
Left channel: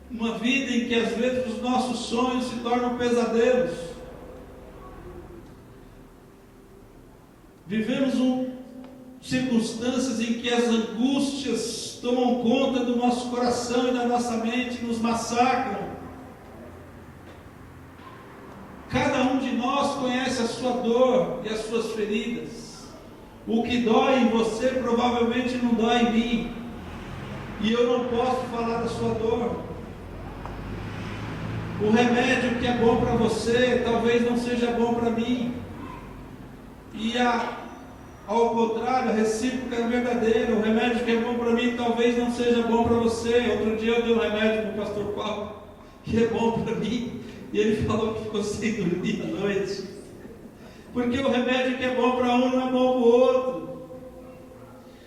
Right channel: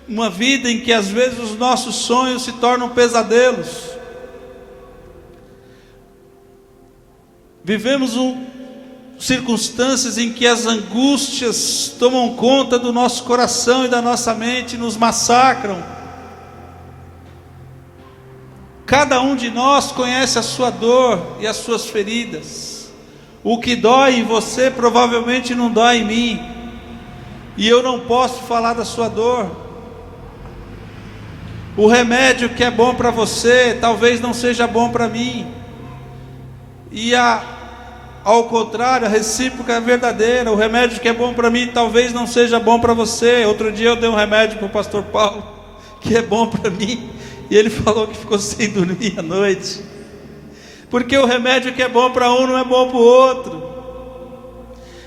uma vida em que às vezes os nossos sonhos se tornam pesadelos. Vivemos circunstâncias em que as angústias tomam conta do nosso coração e da nossa mente, nos massacram. Cada um de nós conhece a sua dor e as suas feridas. O que dói em você provavelmente não dói em mim, e eu não posso falar da sua dor. O remédio que é bom para você talvez não seja bom para mim, e ao contrário, a recíproca é verdadeira. O remédio que é bom para mim talvez não seja bom para você. Outro dia eu dei um remédio para o pastor Paulo que é bom para mim, e ele falou que ficou sem dormir à noite, porque o remédio que é bom para um não é bom para o outro.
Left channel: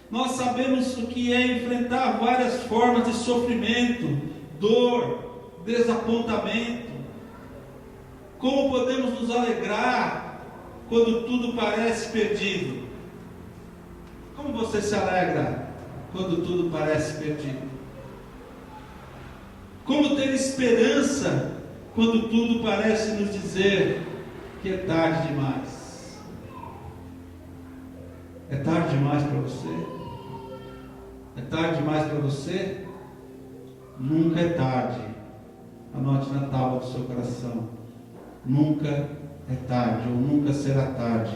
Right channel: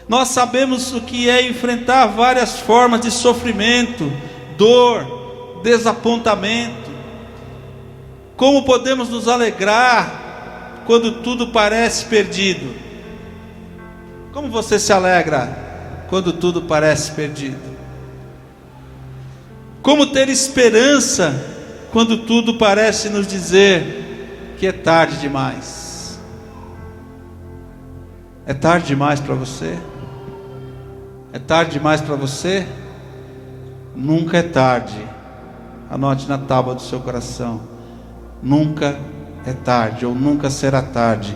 Nós sabemos o que é enfrentar várias formas de sofrimento, dor, desapontamento. Como podemos nos alegrar quando tudo parece perdido? Como você se alegra quando tudo parece perdido? Como ter esperança quando tudo parece nos dizer que é tarde demais? É tarde demais para você? É tarde demais para você? Nunca é tarde. Anote na tábua do seu coração: nunca é tarde, ou nunca será tarde,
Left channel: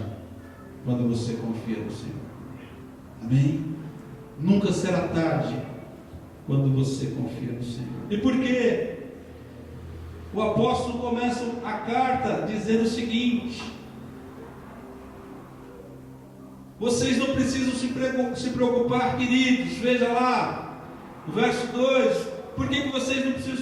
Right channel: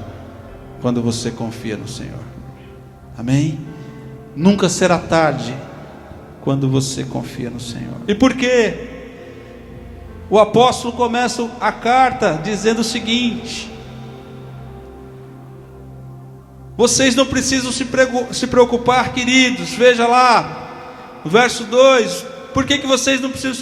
quando você confia no Senhor. Amém? Nunca será tarde quando você confia no Senhor. E por quê? O apóstolo começa a carta dizendo o seguinte: vocês não precisam se preocupar, queridos. Veja lá, no verso 2, por que vocês não precisam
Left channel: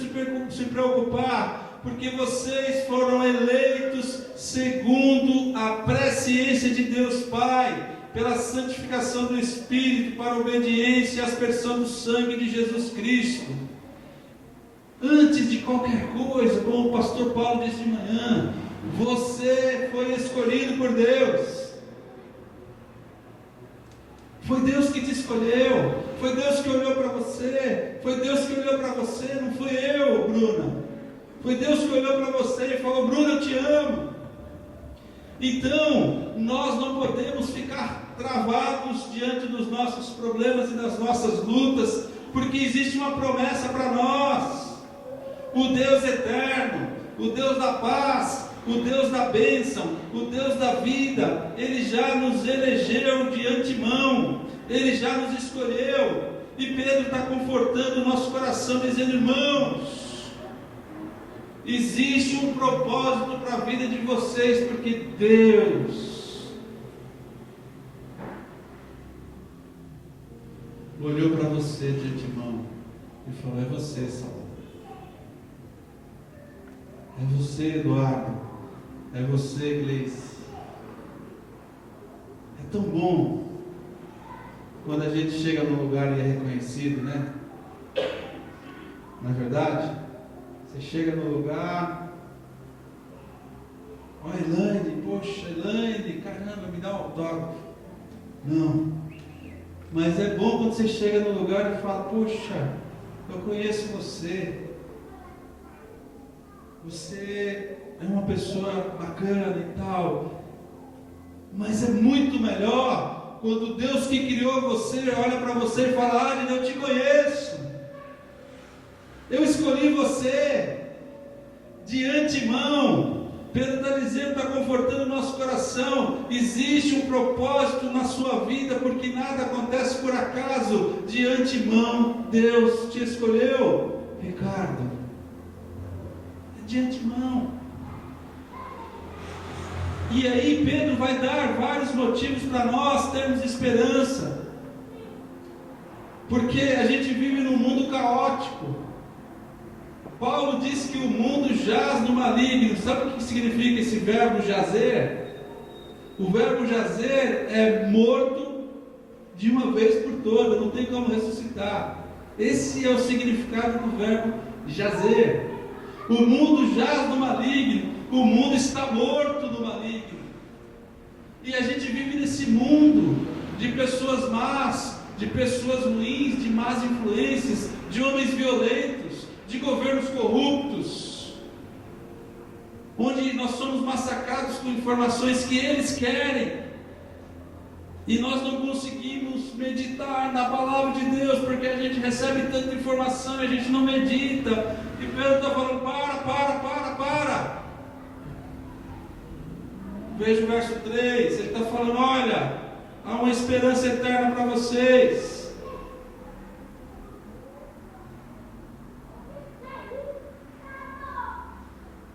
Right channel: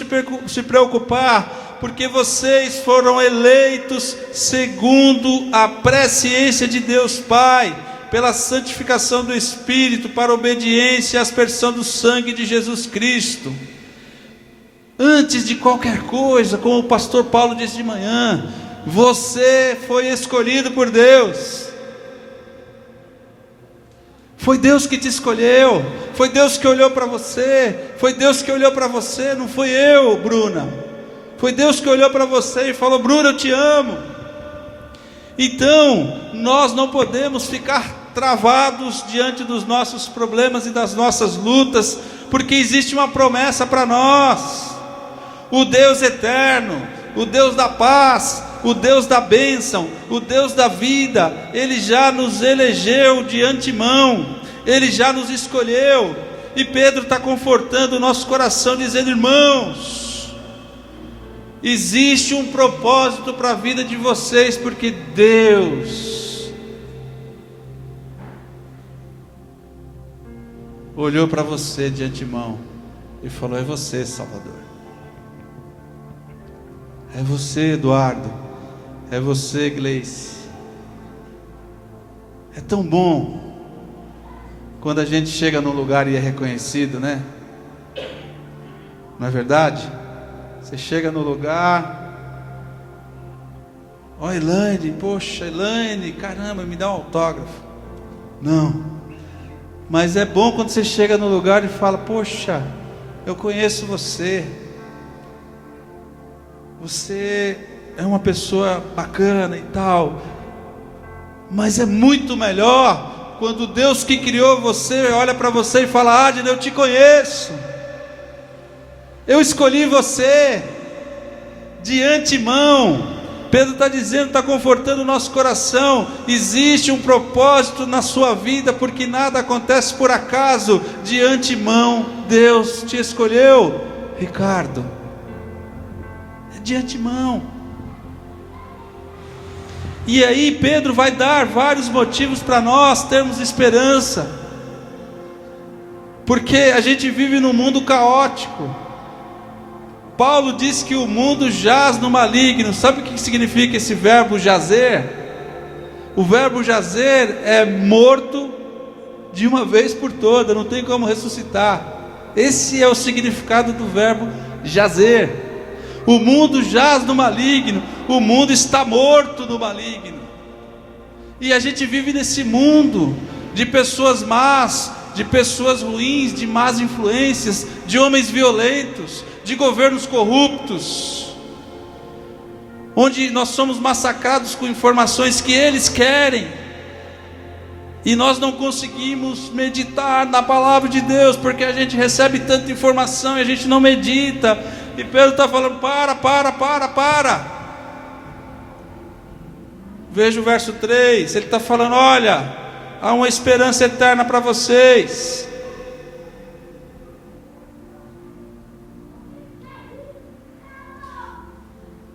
se preocupar? Porque vocês foram eleitos segundo a presciência de Deus Pai, pela santificação do Espírito, para a obediência e aspersão do sangue de Jesus Cristo. Antes de qualquer coisa, como o pastor Paulo disse de manhã, você foi escolhido por Deus. Foi Deus que te escolheu, foi Deus que olhou para você, foi Deus que olhou para você, não fui eu, Bruna. Foi Deus que olhou para você e falou: Bruna, eu te amo. Então, nós não podemos ficar travados diante dos nossos problemas e das nossas lutas, porque existe uma promessa para nós. O Deus eterno, o Deus da paz, o Deus da bênção, o Deus da vida, Ele já nos elegeu de antemão, Ele já nos escolheu. E Pedro está confortando o nosso coração, dizendo: irmãos, existe um propósito para a vida de vocês, porque Deus olhou para você de antemão e falou: é você, Salvador. É você, Eduardo. É você, Gleice. É tão bom quando a gente chega num lugar e é reconhecido, né? Não é verdade? Você chega no lugar, ó, Elaine, poxa, Elaine, caramba, me dá um autógrafo. Não, mas é bom quando você chega no lugar e fala: poxa, eu conheço você, você é uma pessoa bacana e tal. Mas é muito melhor quando Deus que criou você olha para você e fala: Adner, eu te conheço, eu escolhi você de antemão. Pedro está dizendo, está confortando o nosso coração. Existe um propósito na sua vida, porque nada acontece por acaso. De antemão Deus te escolheu, Ricardo, de antemão. E aí Pedro vai dar vários motivos para nós termos esperança, porque a gente vive num mundo caótico. Paulo diz que o mundo jaz no maligno. Sabe o que significa esse verbo jazer? O verbo jazer é morto de uma vez por toda, não tem como ressuscitar. Esse é o significado do verbo jazer. O mundo jaz no maligno, o mundo está morto no maligno. E a gente vive nesse mundo de pessoas más, de pessoas ruins, de más influências, de homens violentos, de governos corruptos, onde nós somos massacrados com informações que eles querem, e nós não conseguimos meditar na palavra de Deus, porque a gente recebe tanta informação e a gente não medita. E Pedro está falando: para. Veja o verso 3, ele está falando: olha, há uma esperança eterna para vocês.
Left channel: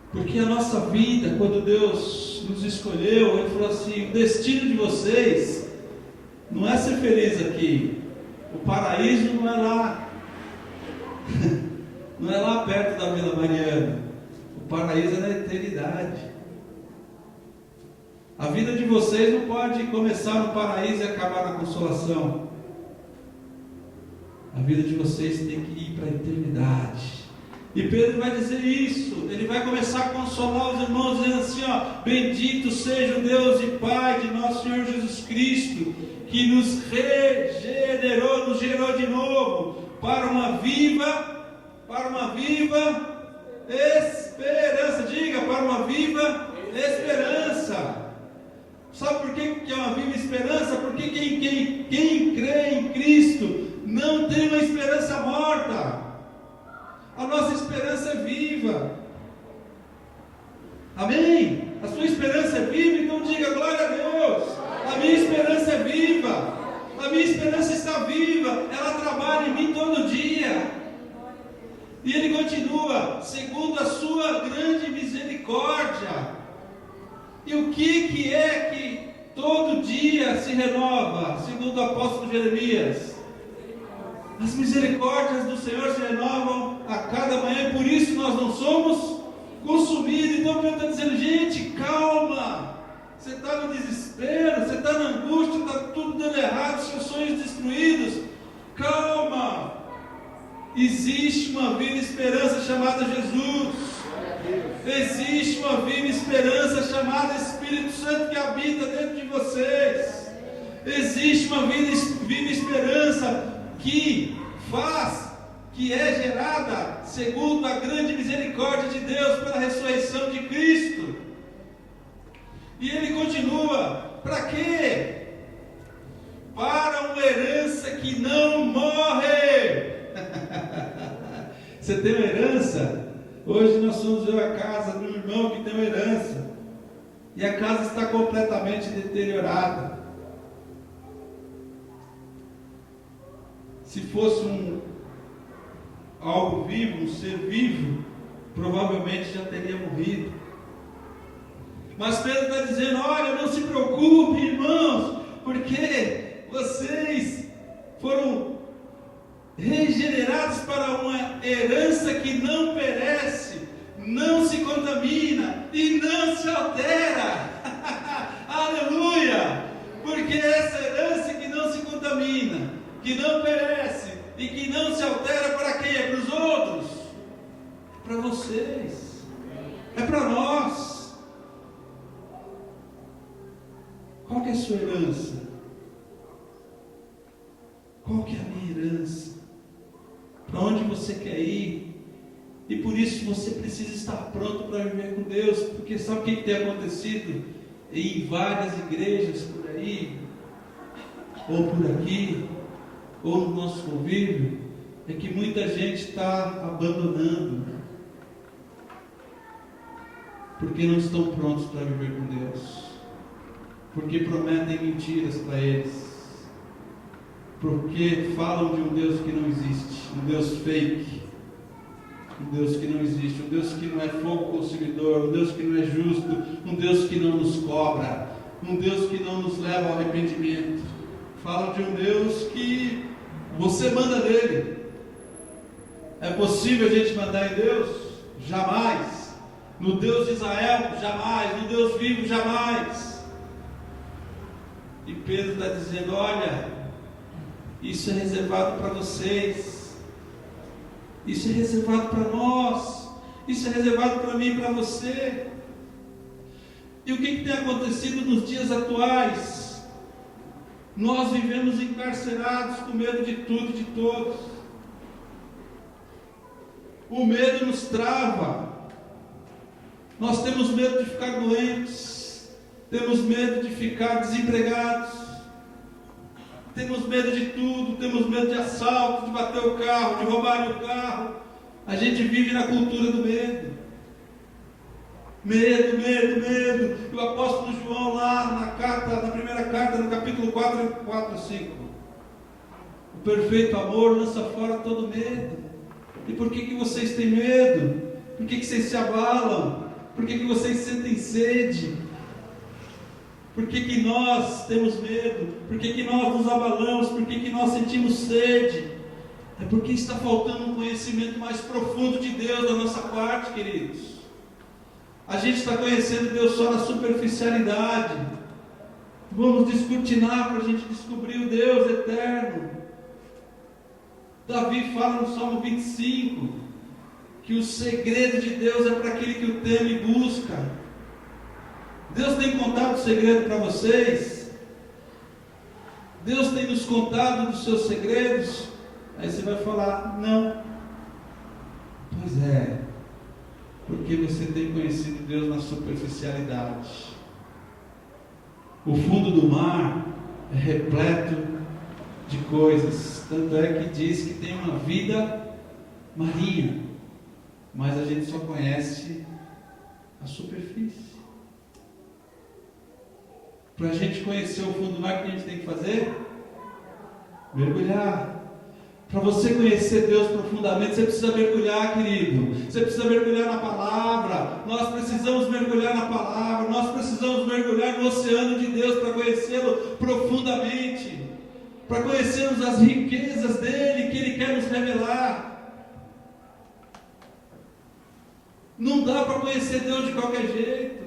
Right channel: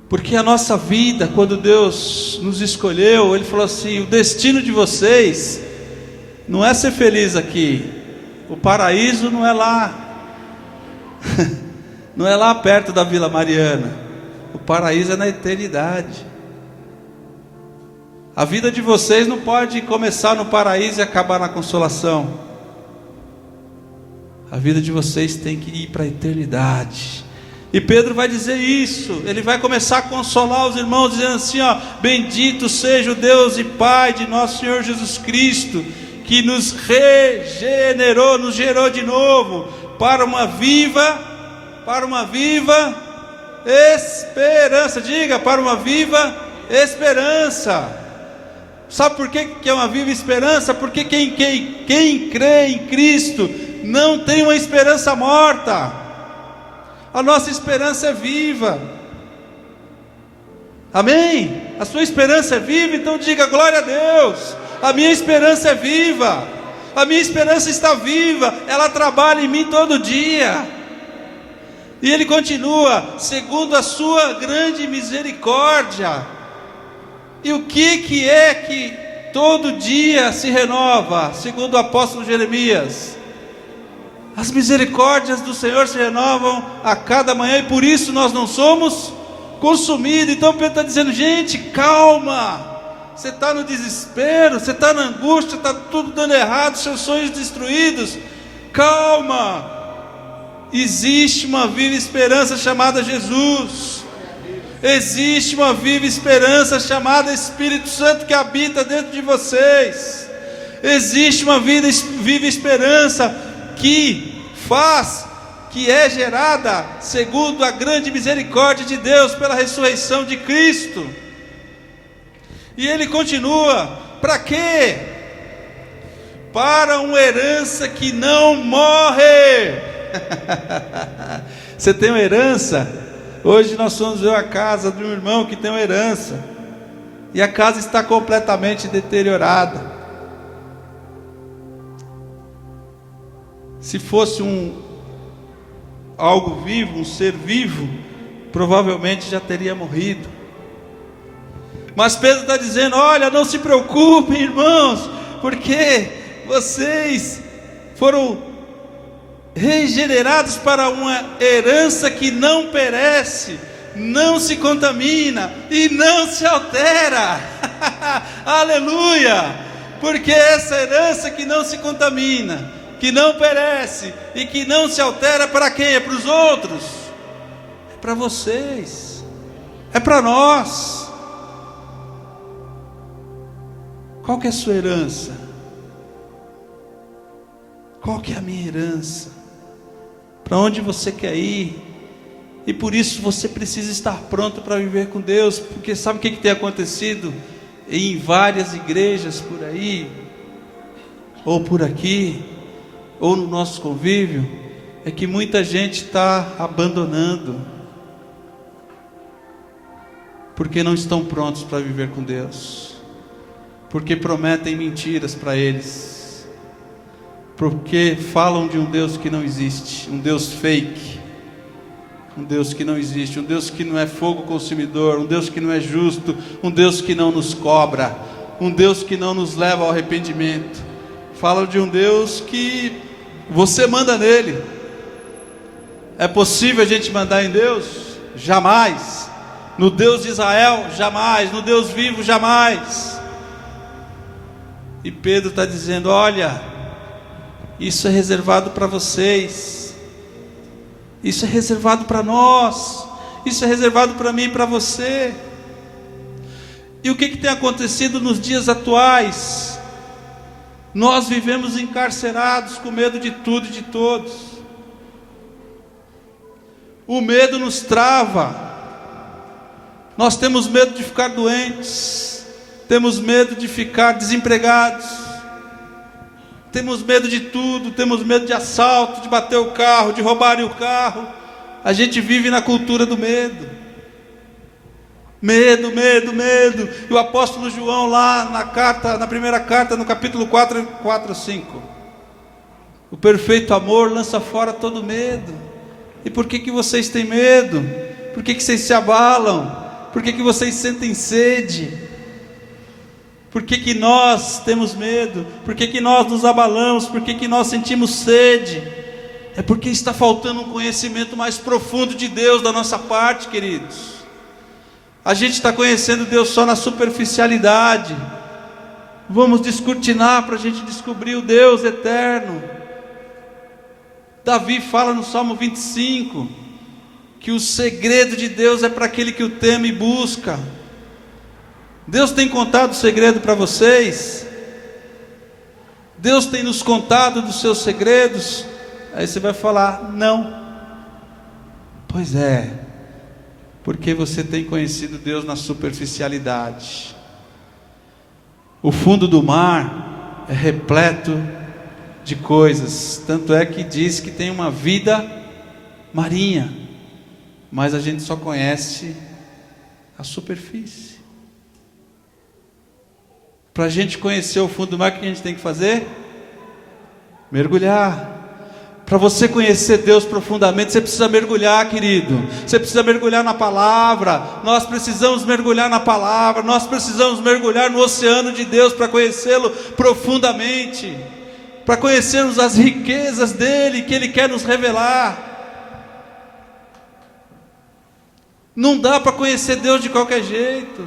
Porque a nossa vida, quando Deus nos escolheu, Ele falou assim: o destino de vocês não é ser feliz aqui, o paraíso não é lá, não é lá perto da Vila Mariana, o paraíso é na eternidade. A vida de vocês não pode começar no paraíso e acabar na consolação. A vida de vocês tem que ir para a eternidade. E Pedro vai dizer isso, ele vai começar a consolar os irmãos, dizendo assim: ó, bendito seja o Deus e Pai de nosso Senhor Jesus Cristo, que nos regenerou, nos gerou de novo, para uma viva esperança. Diga: para uma viva esperança. Sabe por que é uma viva esperança? Porque quem crê em Cristo não tem uma esperança morta. A nossa esperança é viva. Amém? A sua esperança é viva, então diga: glória a Deus. A minha esperança é viva. A minha esperança está viva. Ela trabalha em mim todo dia. E ele continua: segundo a sua grande misericórdia. E o que é que todo dia se renova? Segundo o apóstolo Jeremias, as misericórdias do Senhor se renovam a cada manhã, e por isso nós não somos consumidos. Então Pedro está dizendo: gente, calma. Você está no desespero, você está na angústia, está tudo dando errado, seus sonhos destruídos. Calma. Existe uma viva esperança chamada Jesus. Existe uma viva esperança chamada Espírito Santo que habita dentro de vocês. Existe uma viva esperança que é gerada segundo a grande misericórdia de Deus pela ressurreição de Cristo. E ele continua: para quê? Para uma herança que não morre. Você tem uma herança? Hoje nós fomos ver a casa de um irmão que tem uma herança, e a casa está completamente deteriorada. Se fosse algo vivo, um ser vivo, provavelmente já teria morrido. Mas Pedro está dizendo: olha, não se preocupem, irmãos, porque vocês foram regenerados para uma herança que não perece, não se contamina e não se altera. Aleluia! Porque essa herança que não se contamina, que não perece e que não se altera, para quem? É para os outros, é para vocês, é para nós. Qual que é a sua herança? Qual que é a minha herança? Para onde você quer ir? E por isso você precisa estar pronto para viver com Deus, porque sabe o que tem acontecido em várias igrejas por aí, ou por aqui, ou no nosso convívio? É que muita gente está abandonando, porque não estão prontos para viver com Deus, porque prometem mentiras para eles, porque falam de um Deus que não existe, um Deus fake, um Deus que não existe, um Deus que não é fogo consumidor, um Deus que não é justo, um Deus que não nos cobra, um Deus que não nos leva ao arrependimento. Falam de um Deus que você manda nele. É possível a gente mandar em Deus? Jamais. No Deus de Israel? Jamais. No Deus vivo? Jamais. E Pedro está dizendo: olha, isso é reservado para vocês, isso é reservado para nós, isso é reservado para mim e para você. E o que tem acontecido nos dias atuais? Nós vivemos encarcerados com medo de tudo e de todos. O medo nos trava. Nós temos medo de ficar doentes, temos medo de ficar desempregados, temos medo de tudo, temos medo de assalto, de bater o carro, de roubarem o carro. A gente vive na cultura do medo. Medo, medo, medo. E o apóstolo João lá na primeira carta, no capítulo 4, 5. O perfeito amor lança fora todo medo. E por que vocês têm medo? Por que vocês se abalam? Por que vocês sentem sede? Por que nós temos medo? Por que nós nos abalamos? Por que nós sentimos sede? É porque está faltando um conhecimento mais profundo de Deus da nossa parte, queridos. A gente está conhecendo Deus só na superficialidade. Vamos descortinar para a gente descobrir o Deus eterno. Davi fala no Salmo 25 que o segredo de Deus é para aquele que o teme e busca. Deus tem contado o segredo para vocês? Deus tem nos contado dos seus segredos? Aí você vai falar: não. Pois é, porque você tem conhecido Deus na superficialidade. O fundo do mar é repleto de coisas, tanto é que diz que tem uma vida marinha, mas a gente só conhece a superfície. Para a gente conhecer o fundo do mar, o que a gente tem que fazer? Mergulhar. Para você conhecer Deus profundamente, você precisa mergulhar, querido. Você precisa mergulhar na palavra. Nós precisamos mergulhar na palavra. Nós precisamos mergulhar no oceano de Deus para conhecê-lo profundamente, para conhecermos as riquezas dele que ele quer nos revelar. Não dá para conhecer Deus de qualquer jeito.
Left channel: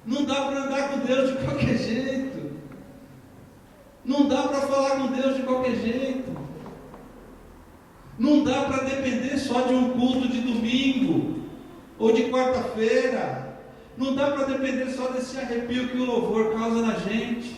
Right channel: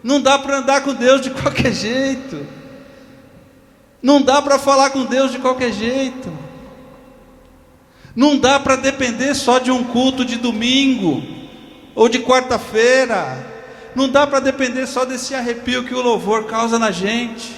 Não dá para andar com Deus de qualquer jeito. Não dá para falar com Deus de qualquer jeito. Não dá para depender só de um culto de domingo ou de quarta-feira. Não dá para depender só desse arrepio que o louvor causa na gente.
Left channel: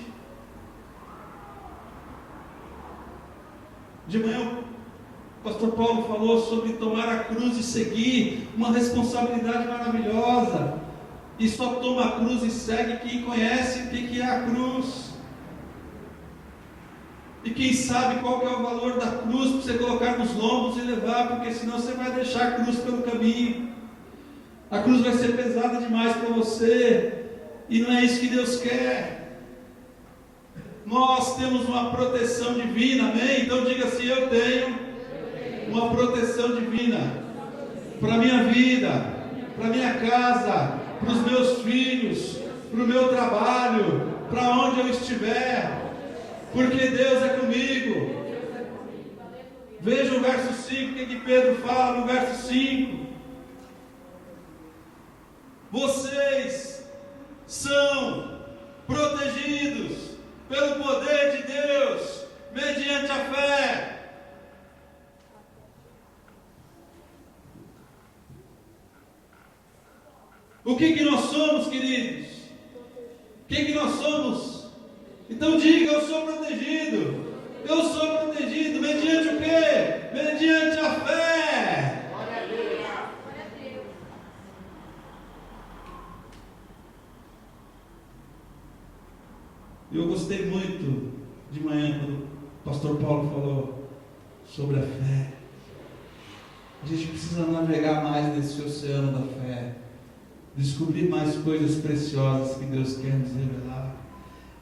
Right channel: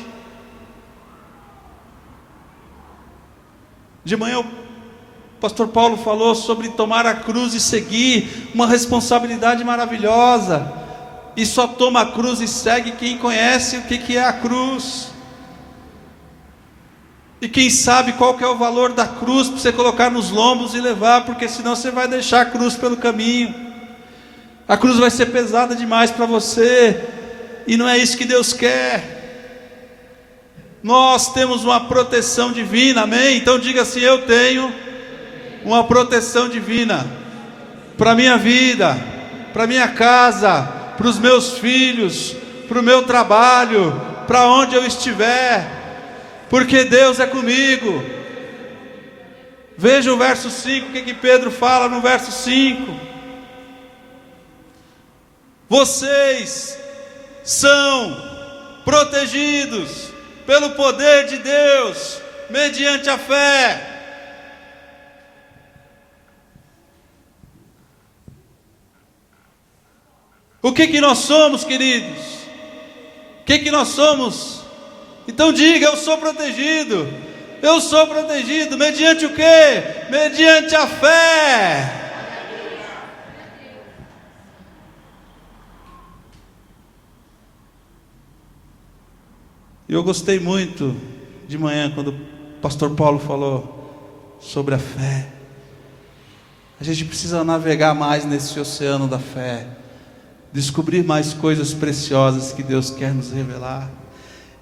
De manhã o pastor Paulo falou sobre tomar a cruz e seguir, uma responsabilidade maravilhosa. E só toma a cruz e segue quem conhece o que é a cruz, e quem sabe qual que é o valor da cruz para você colocar nos lombos e levar, porque senão você vai deixar a cruz pelo caminho. A cruz vai ser pesada demais para você, e não é isso que Deus quer. Nós temos uma proteção divina, amém? Então diga assim: eu tenho uma proteção divina para a minha vida, para a minha casa, para os meus filhos, para o meu trabalho, para onde eu estiver, porque Deus é comigo. Veja o verso 5, o que Pedro fala no verso 5. Vocês são protegidos pelo poder de Deus, mediante a fé. O que nós somos, queridos? O que nós somos? Então diga: eu sou protegido. Eu sou protegido mediante o quê? Mediante a fé. Eu gostei muito de manhã quando o pastor Paulo falou sobre a fé. A gente precisa navegar mais nesse oceano da fé, descobrir mais coisas preciosas que Deus quer nos revelar.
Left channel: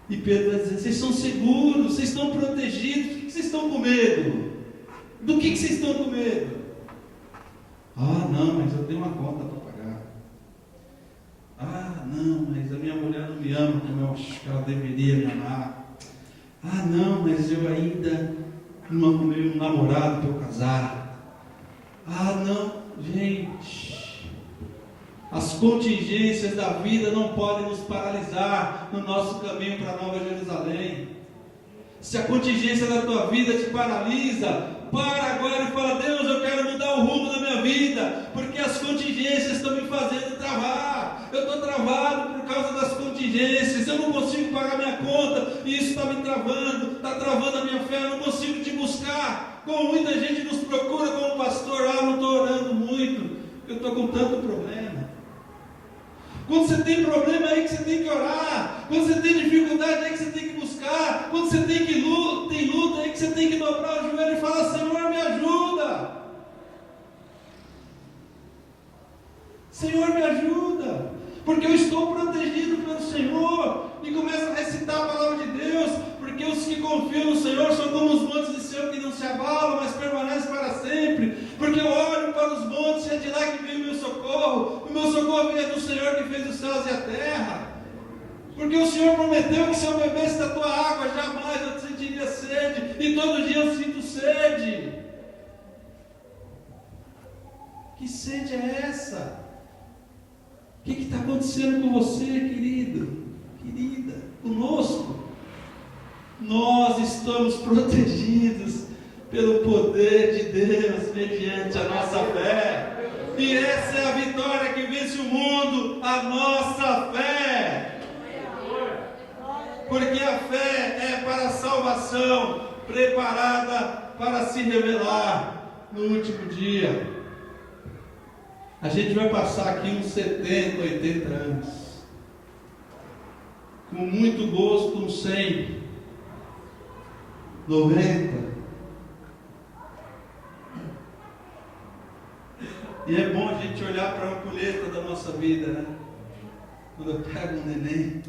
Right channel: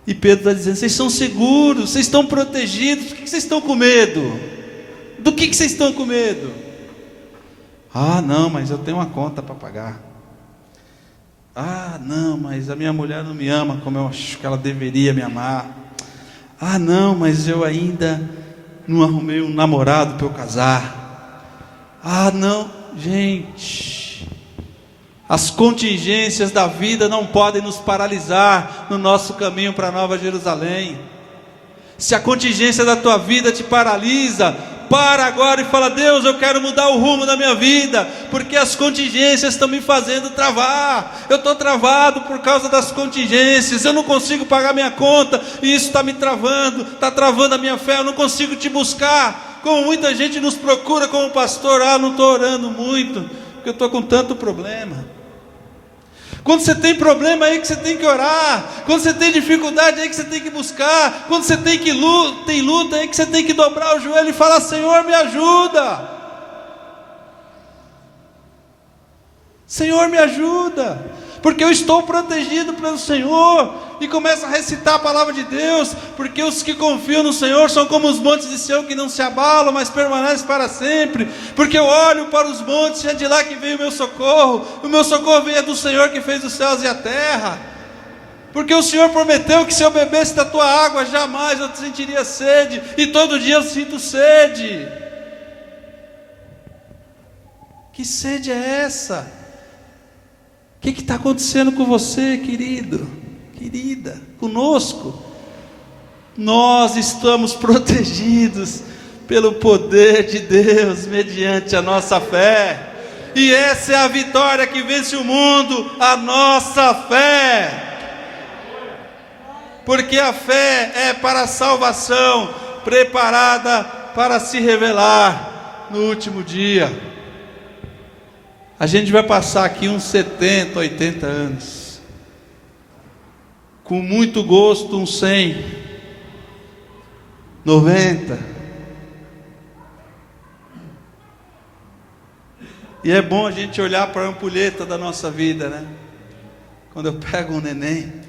E Pedro está dizendo: vocês são seguros, vocês estão protegidos. Do que vocês estão com medo? Do que vocês estão com medo? Ah, não, mas eu tenho uma conta para pagar. Ah, não, mas a minha mulher não me ama como eu acho que ela deveria me amar. Ah, não, mas eu ainda não arrumei um namorado para eu casar. Ah, não, gente. As contingências da vida não podem nos paralisar no nosso caminho para a Nova Jerusalém. Se a contingência da tua vida te paralisa, para agora e fala: Deus, eu quero mudar o rumo da minha vida, porque as contingências estão me fazendo travar. Eu estou travado por causa das contingências, eu não consigo pagar minha conta, e isso está me travando, está travando a minha fé, eu não consigo te buscar. Como muita gente nos procura como pastor: ah, não estou orando muito, porque eu estou com tanto problema. Quando você tem problema, é aí que você tem que orar. Quando você tem dificuldade, é aí que você tem que buscar. Quando você tem luta, é aí que você tem que dobrar o joelho e falar: Senhor, me ajuda. Senhor, me ajuda, porque eu estou protegido pelo Senhor. E começa a recitar a palavra de Deus: porque os que confiam no Senhor são como os montes de Sião, que não se abalam, mas permanecem para sempre. Porque eu olho para os montes, e é de lá que vem o meu socorro. O meu socorro vem do Senhor, que fez os céus e a terra. Porque o Senhor prometeu que se eu bebesse da tua água, jamais eu sentiria sede, e todo dia eu sinto sede. Que sede é essa? O que está acontecendo com você, querido, querida, conosco? Nós estamos protegidos pelo poder de Deus, mediante a nossa fé. E essa é a vitória que vence o mundo, a nossa fé. Porque a fé é para a salvação, preparada para se revelar no último dia. A gente vai passar aqui uns 70, 80 anos, com muito gosto uns 100, 90. E é bom a gente olhar para a ampulheta da nossa vida, né? Quando eu pego um neném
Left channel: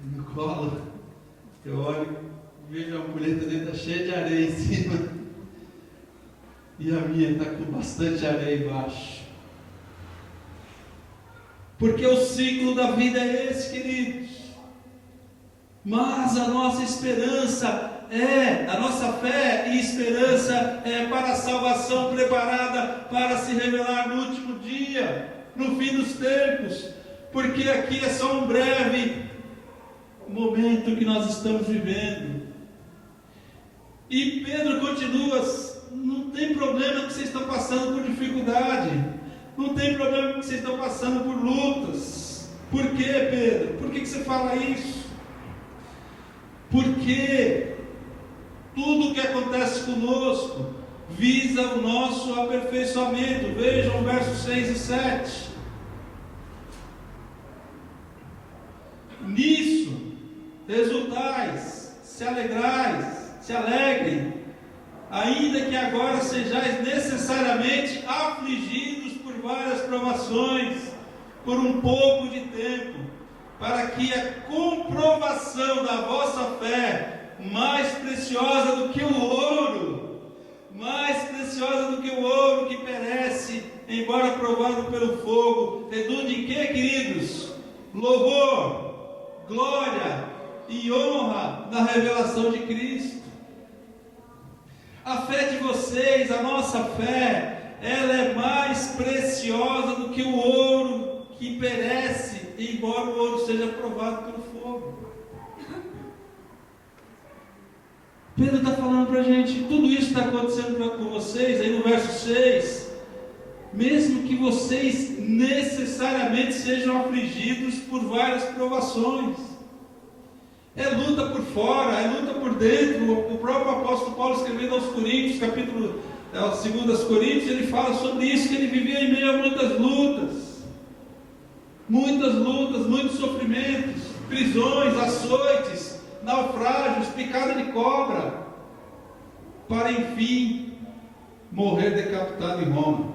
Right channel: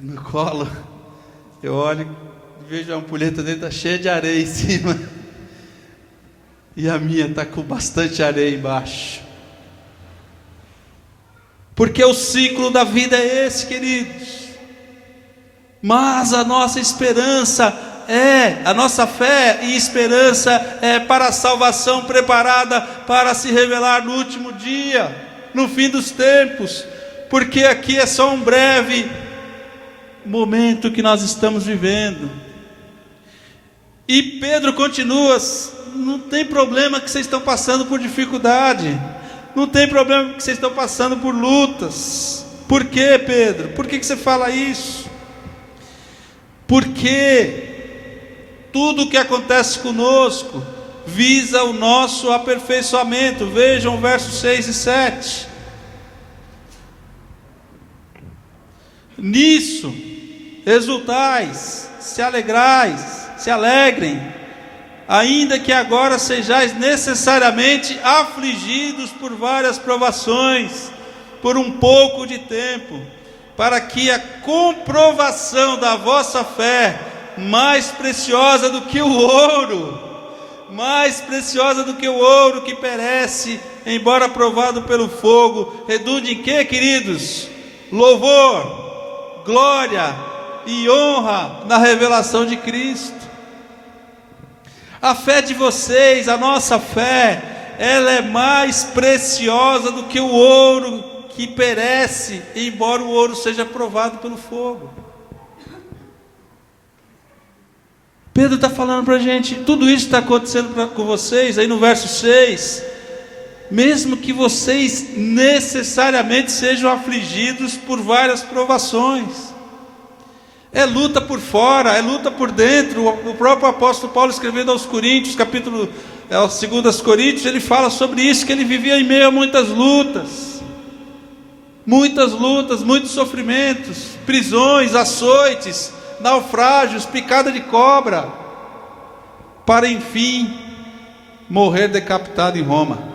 no colo, eu olho e vejo a ampulheta dele está cheia de areia em cima, e a minha está com bastante areia embaixo. Porque o ciclo da vida é esse, queridos. Mas a nossa esperança a nossa fé e esperança é para a salvação, preparada para se revelar no último dia, no fim dos tempos. Porque aqui é só um breve momento que nós estamos vivendo. E Pedro continua: não tem problema que vocês estão passando por dificuldade, não tem problema que vocês estão passando por lutas. Por quê, Pedro? Por que você fala isso? Porque tudo o que acontece conosco visa o nosso aperfeiçoamento. Vejam versos 6 e 7. Nisso exultais, se alegrais, se alegrem, ainda que agora sejais necessariamente afligidos por várias provações, por um pouco de tempo, para que a comprovação da vossa fé, mais preciosa do que o ouro, mais preciosa do que o ouro que perece, embora provado pelo fogo, redunde em quê, queridos? Louvor, glória e honra na revelação de Cristo. A fé de vocês, a nossa fé, ela é mais preciosa do que o ouro que perece, embora o ouro seja provado pelo fogo. Pedro está falando para a gente, tudo isso está acontecendo com vocês, aí no verso 6, mesmo que vocês necessariamente sejam afligidos por várias provações. É luta por fora, é luta por dentro. O próprio apóstolo Paulo, escrevendo aos Coríntios, aos 2 Coríntios, ele fala sobre isso, que ele vivia em meio a muitos lutas, muitos sofrimentos, prisões, açoites, naufrágios, picada de cobra, para enfim morrer decapitado em Roma.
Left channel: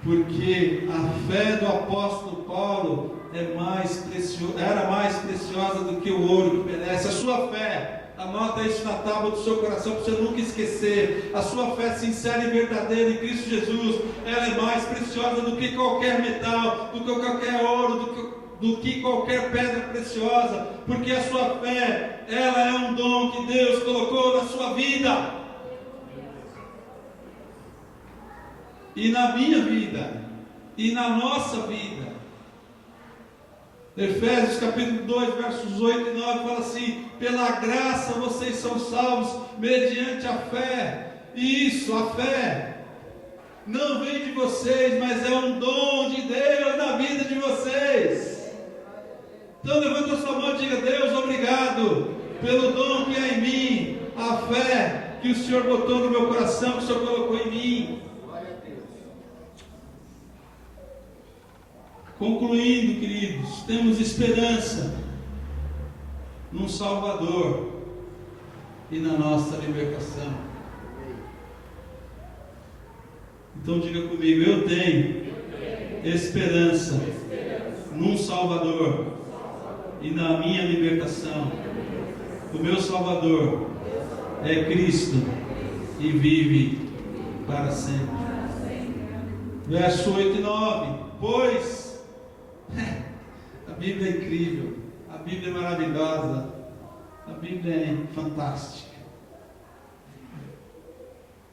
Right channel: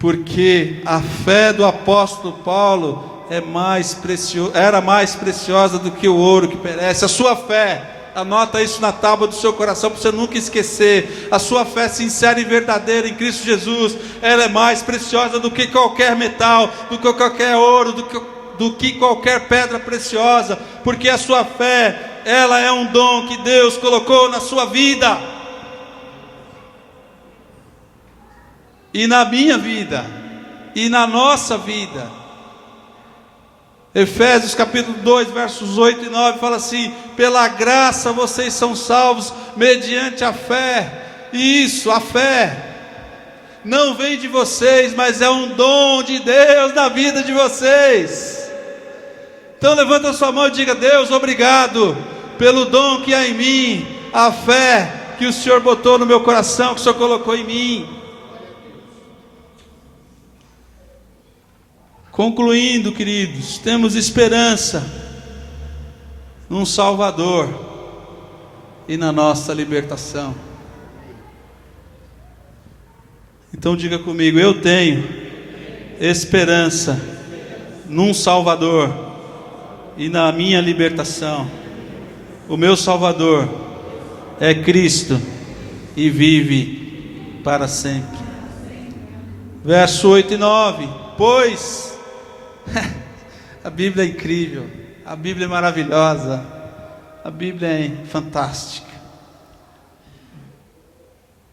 Porque a fé do apóstolo Paulo era mais preciosa do que o ouro que perece. A sua fé, anota isso na tábua do seu coração para você nunca esquecer. A sua fé sincera e verdadeira em Cristo Jesus, ela é mais preciosa do que qualquer metal, do que qualquer ouro, do que qualquer pedra preciosa, porque a sua fé, ela é um dom que Deus colocou na sua vida, e na minha vida, e na nossa vida. Efésios capítulo 2, versos 8 e 9, fala assim: pela graça vocês são salvos, mediante a fé. Isso, a fé não vem de vocês, mas é um dom de Deus na vida de vocês. Então levanta a sua mão e diga: Deus, obrigado pelo dom que há em mim, a fé que o Senhor botou no meu coração, que o Senhor colocou em mim. Concluindo, queridos, temos esperança num Salvador e na nossa libertação. Então diga comigo: eu tenho esperança num Salvador e na minha libertação. O meu Salvador é Cristo e vive para sempre. Verso 8 e 9: pois a Bíblia é incrível, a Bíblia é maravilhosa, a Bíblia é fantástica.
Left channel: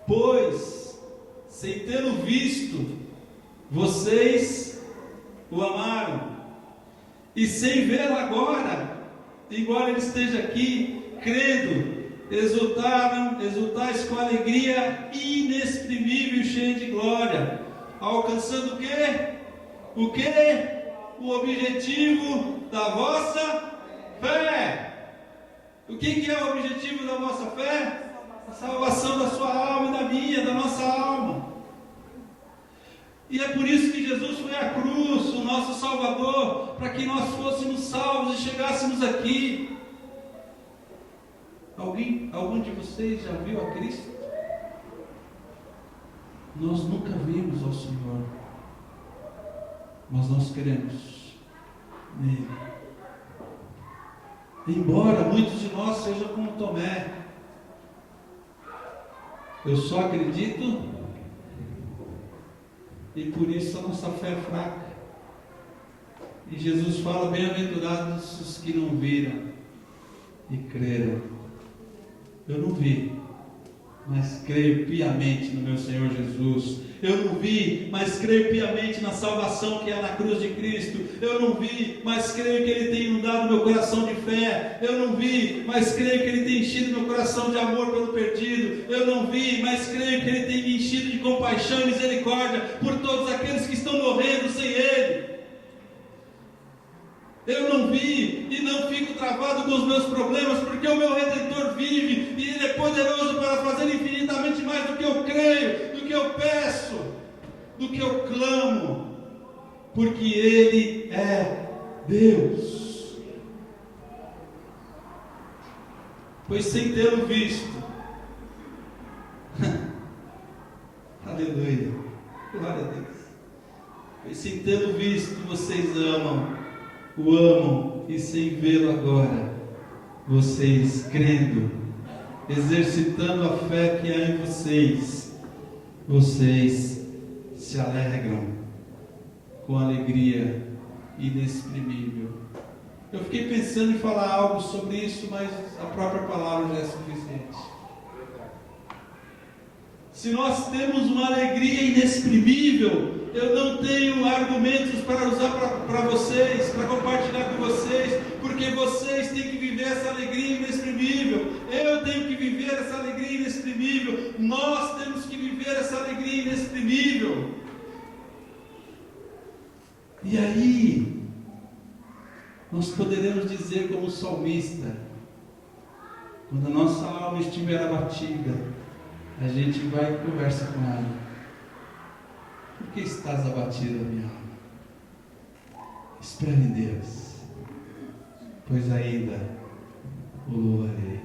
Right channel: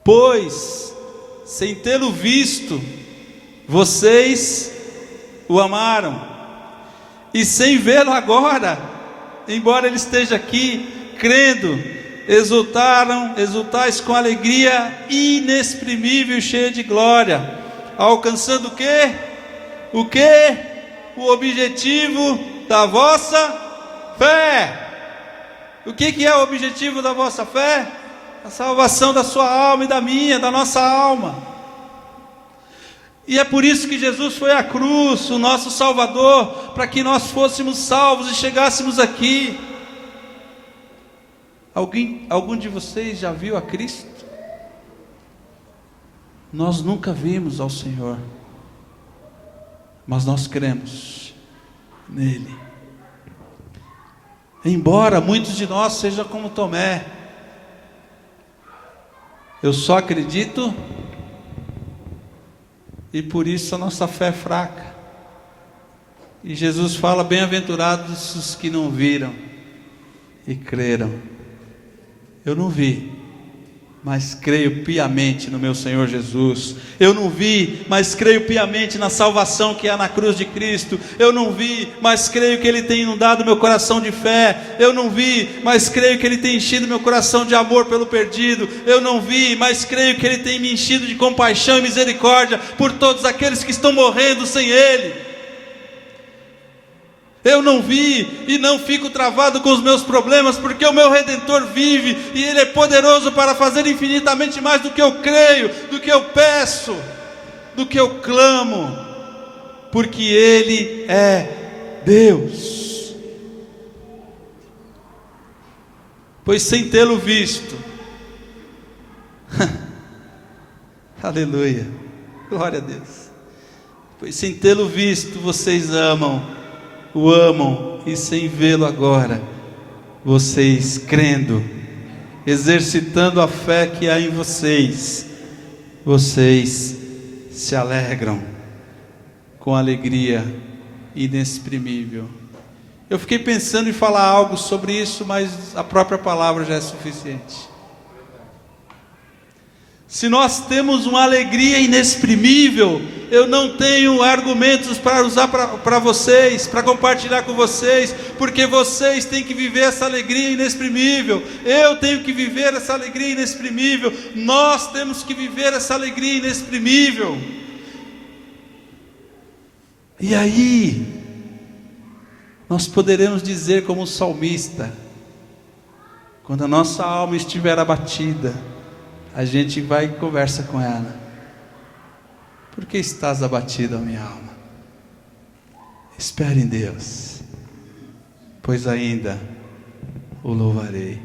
Pois, sem tê-lo visto, vocês o amaram, e sem vê-lo agora, embora ele esteja aqui, crendo, exultais com alegria inexprimível e cheia de glória, alcançando o quê? O quê? O objetivo da vossa fé. O que é o objetivo da vossa fé? A salvação da sua alma e da minha, da nossa alma. E é por isso que Jesus foi à cruz, o nosso Salvador, para que nós fôssemos salvos e chegássemos aqui. Algum de vocês já viu a Cristo? Nós nunca vimos ao Senhor, mas nós cremos nele. Embora muitos de nós sejam como Tomé, eu só acredito, e por isso a nossa fé é fraca. E Jesus fala: bem-aventurados os que não viram e creram. Eu não vi, mas creio piamente no meu Senhor Jesus. Eu não vi, mas creio piamente na salvação que há na cruz de Cristo. Eu não vi, mas creio que Ele tem inundado meu coração de fé. Eu não vi, mas creio que Ele tem enchido meu coração de amor pelo perdido. Eu não vi, mas creio que Ele tem me enchido de compaixão e misericórdia por todos aqueles que estão morrendo sem Ele. Eu não vi e não fico travado com os meus problemas, porque o meu Redentor vive e Ele é poderoso para fazer infinitamente mais do que eu creio, do que eu peço, do que eu clamo, porque Ele é Deus. Pois sem tê-lo visto, aleluia, glória a Deus. Pois sem tê-lo visto, vocês o amam, e sem vê-lo agora, vocês crendo, exercitando a fé que há em vocês, vocês se alegram com alegria inexprimível Eu fiquei pensando em falar algo sobre isso, mas a própria palavra já é suficiente. Se nós temos uma alegria inexprimível, eu não tenho argumentos para usar para vocês, para compartilhar com vocês, porque vocês têm que viver essa alegria inexprimível. Eu tenho que viver essa alegria inexprimível. Nós temos que viver essa alegria inexprimível. E aí, nós poderemos dizer como o salmista, quando a nossa alma estiver abatida, a gente vai e conversa com ela. Por que estás abatida, minha alma? Espere em Deus, pois ainda o louvarei.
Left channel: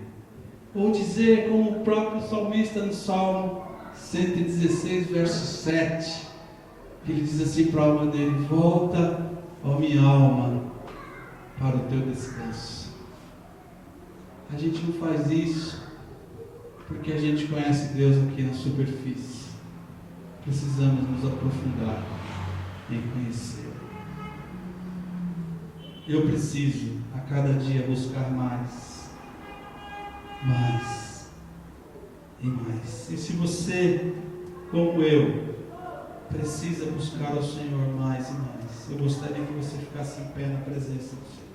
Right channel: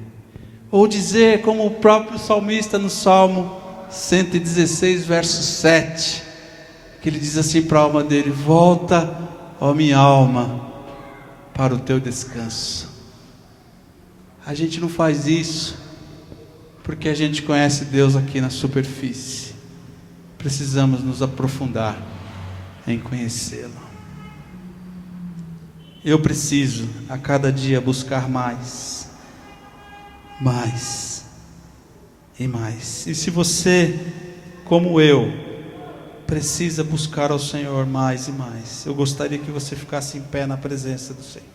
Ou dizer como o próprio salmista no Salmo 116, verso 7, que ele diz assim para a alma dele: volta, ó minha alma, para o teu descanso. A gente não faz isso porque a gente conhece Deus aqui na superfície. Precisamos nos aprofundar em conhecê-lo. Eu preciso a cada dia buscar mais e mais. E se você, como eu, precisa buscar ao Senhor mais e mais, eu gostaria que você ficasse em pé na presença do Senhor.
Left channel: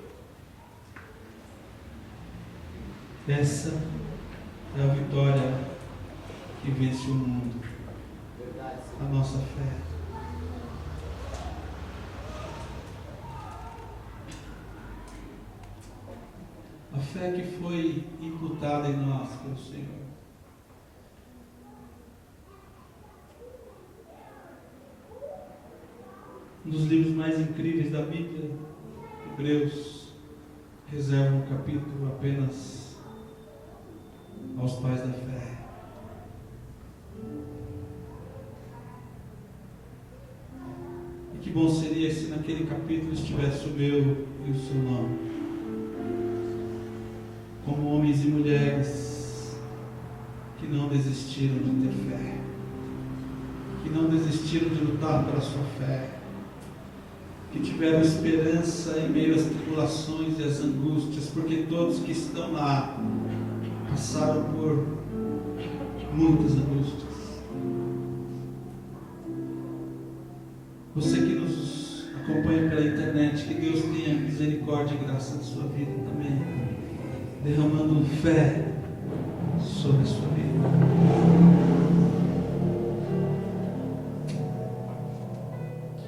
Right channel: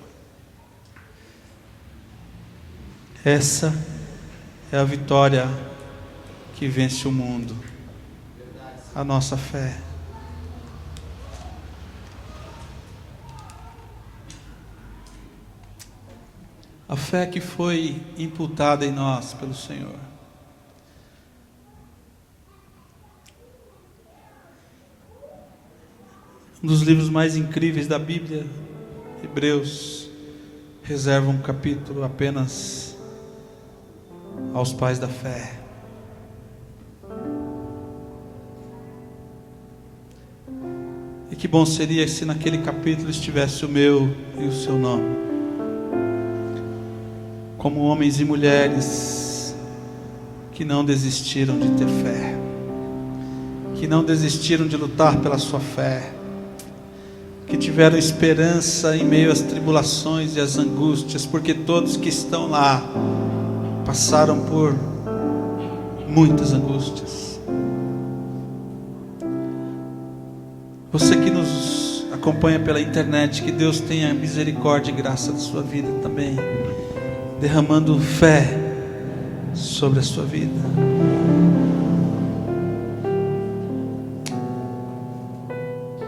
Essa é a vitória que vence o mundo, a nossa fé. A fé que foi imputada em nós pelo Senhor. Um dos livros mais incríveis da Bíblia, Hebreus, reserva um capítulo apenas aos pais da fé. E que bom seria se naquele capítulo estivesse o meu e o seu nome, como homens e mulheres que não desistiram de ter fé, que não desistiram de lutar pela sua fé, que tiveram esperança em meio às tribulações e às angústias, porque todos que estão lá passaram por muitas angústias. Você que nos acompanha pela internet, que Deus tenha misericórdia e graça da sua vida também, derramando fé sobre a sua vida.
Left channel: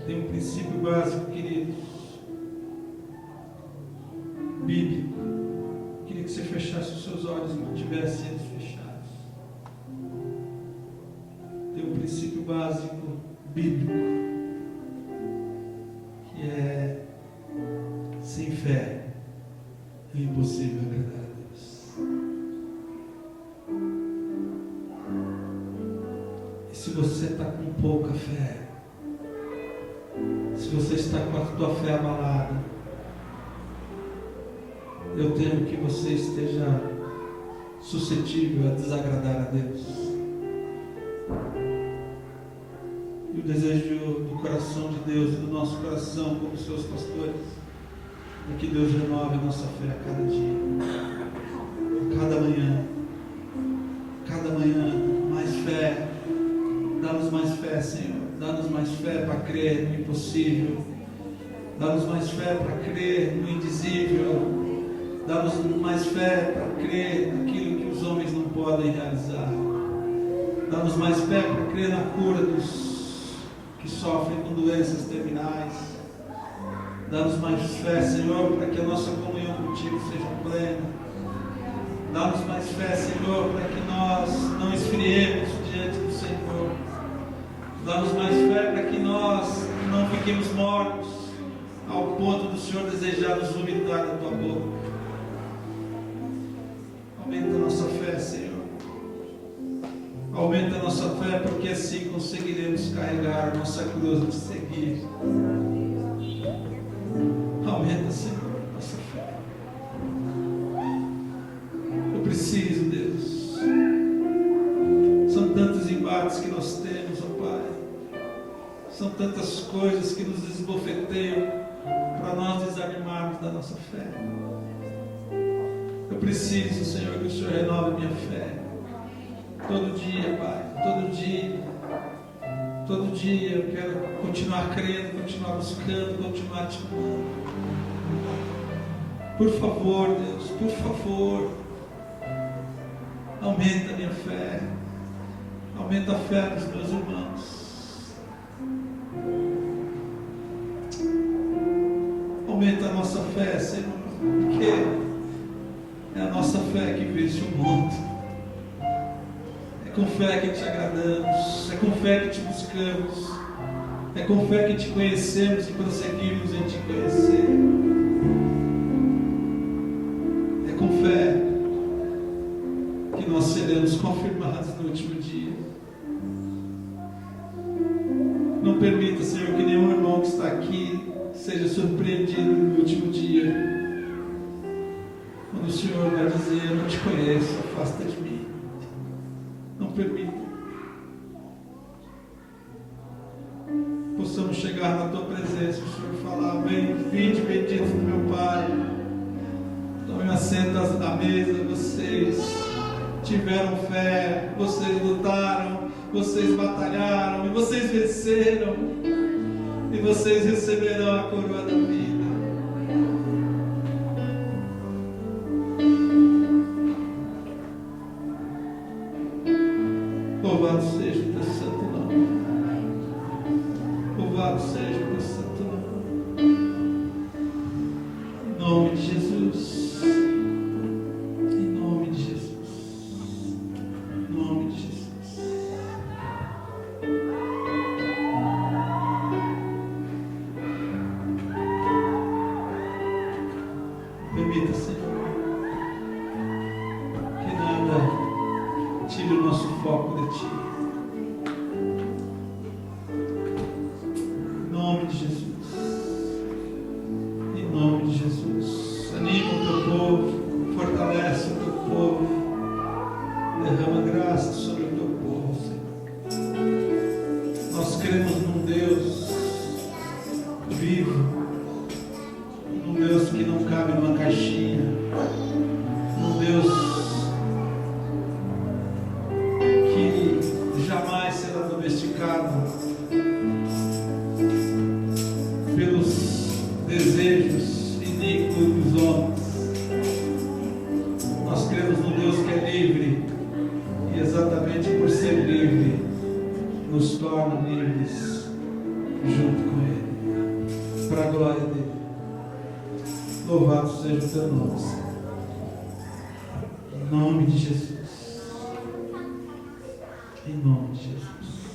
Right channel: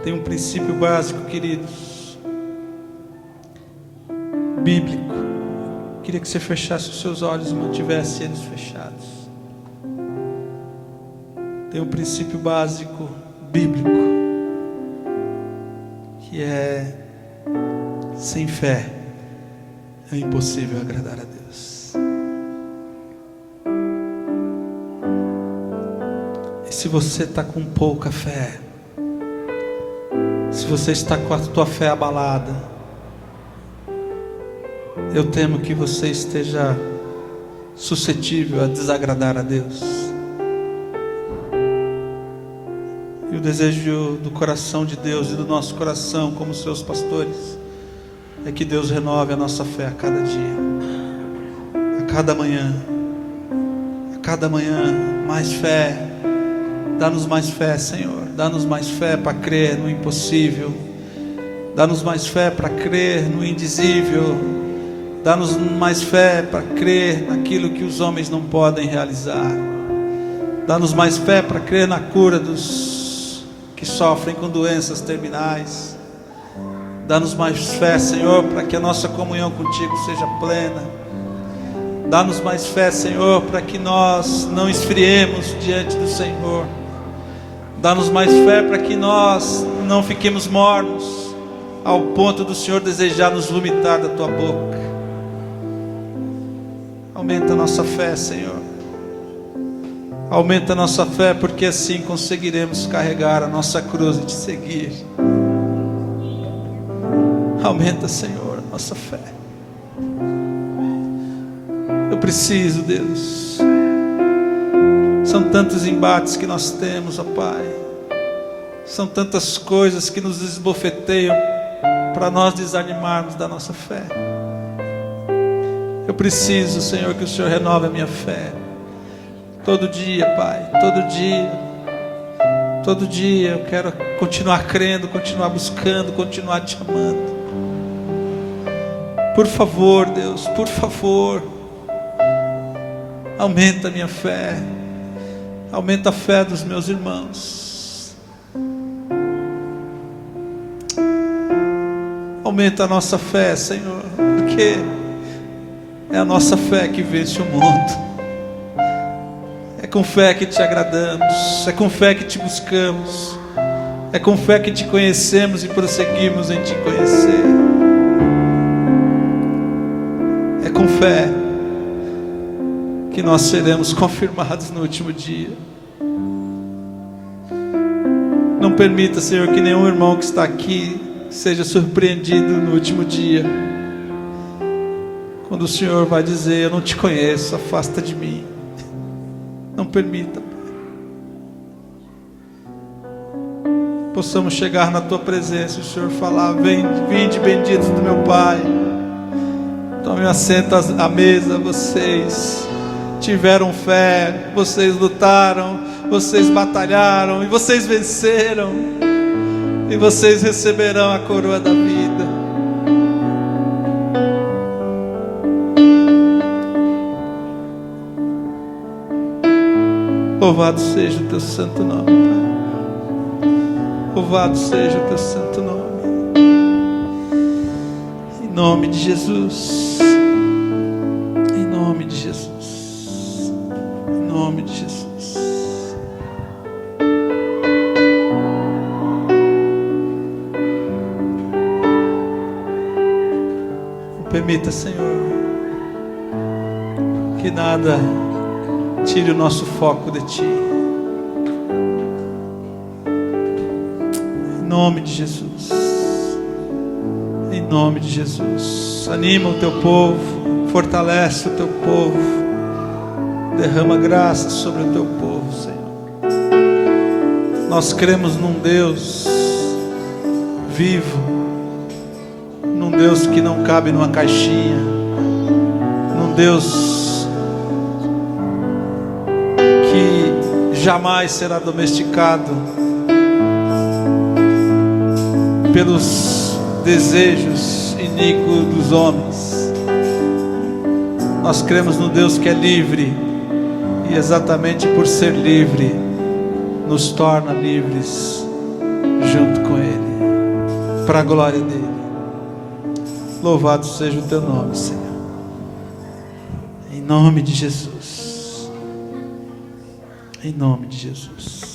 Tem um princípio básico, queridos, bíblico. Queria que você fechasse os seus olhos e mantivesse eles fechados. Tem um princípio básico bíblico, que é: sem fé é impossível agradar a Deus. E se você está com pouca fé, se você está com a tua fé abalada, eu temo que você esteja suscetível a desagradar a Deus. E o desejo do coração de Deus e do nosso coração, como seus pastores, é que Deus renove a nossa fé a cada dia, a cada manhã, mais fé. Dá-nos mais fé, Senhor. Dá-nos mais fé para crer no impossível. Dá-nos mais fé para crer no indizível. Dá-nos mais fé para crer naquilo que os homens não podem realizar. Dá-nos mais fé para crer na cura dos que sofrem com doenças terminais. Dá-nos mais fé, Senhor, para que a nossa comunhão contigo seja plena. Dá-nos mais fé, Senhor, para que nós não esfriemos diante do Senhor. Dá-nos mais fé para que nós não fiquemos mornos, ao ponto do Senhor desejar nos vomitar da tua boca. Aumenta a nossa fé, Senhor. Aumenta a nossa fé, porque assim conseguiremos carregar a nossa cruz e te seguir. Aumenta, Senhor, a nossa fé. Eu preciso, Deus. São tantos embates que nós temos, ó Pai. São tantas coisas que nos esbofeteiam para nós desanimarmos da nossa fé. Eu preciso, Senhor, que o Senhor renove a minha fé. Todo dia, Pai, todo dia eu quero continuar crendo, continuar buscando, continuar te amando. Por favor, Deus, por favor, aumenta a minha fé, aumenta a fé dos meus irmãos, aumenta a nossa fé, Senhor, porque é a nossa fé que vence o mundo. É com fé que te agradamos, é com fé que te buscamos, é com fé que te conhecemos e prosseguimos em te conhecer. É com fé que nós seremos confirmados no último dia. Não permita, Senhor, que nenhum irmão que está aqui seja surpreendido no último dia, quando o Senhor vai dizer: eu não te conheço, afasta de mim. Não permita, possamos chegar na tua presença e o Senhor falar: vinde benditos do meu Pai, tome assento à mesa. Vocês tiveram fé, vocês lutaram, vocês batalharam e vocês venceram, e vocês receberão a coroa da vida. Louvado seja o teu santo nome, Pai. Louvado seja o teu santo nome. Em nome de Jesus. Em nome de Jesus. Em nome de Jesus. Permita, Senhor, que nada tire o nosso foco de Ti. Em nome de Jesus. Em nome de Jesus. Anima o Teu povo, fortalece o Teu povo, derrama graça sobre o Teu povo, Senhor. Nós cremos num Deus vivo, num Deus que não cabe numa caixinha, num Deus jamais será domesticado pelos desejos iníquos dos homens. Nós cremos no Deus que é livre, e exatamente por ser livre nos torna livres junto com Ele, para a glória dele. Louvado seja o teu nome, Senhor, em nome de Jesus. Em nome de Jesus.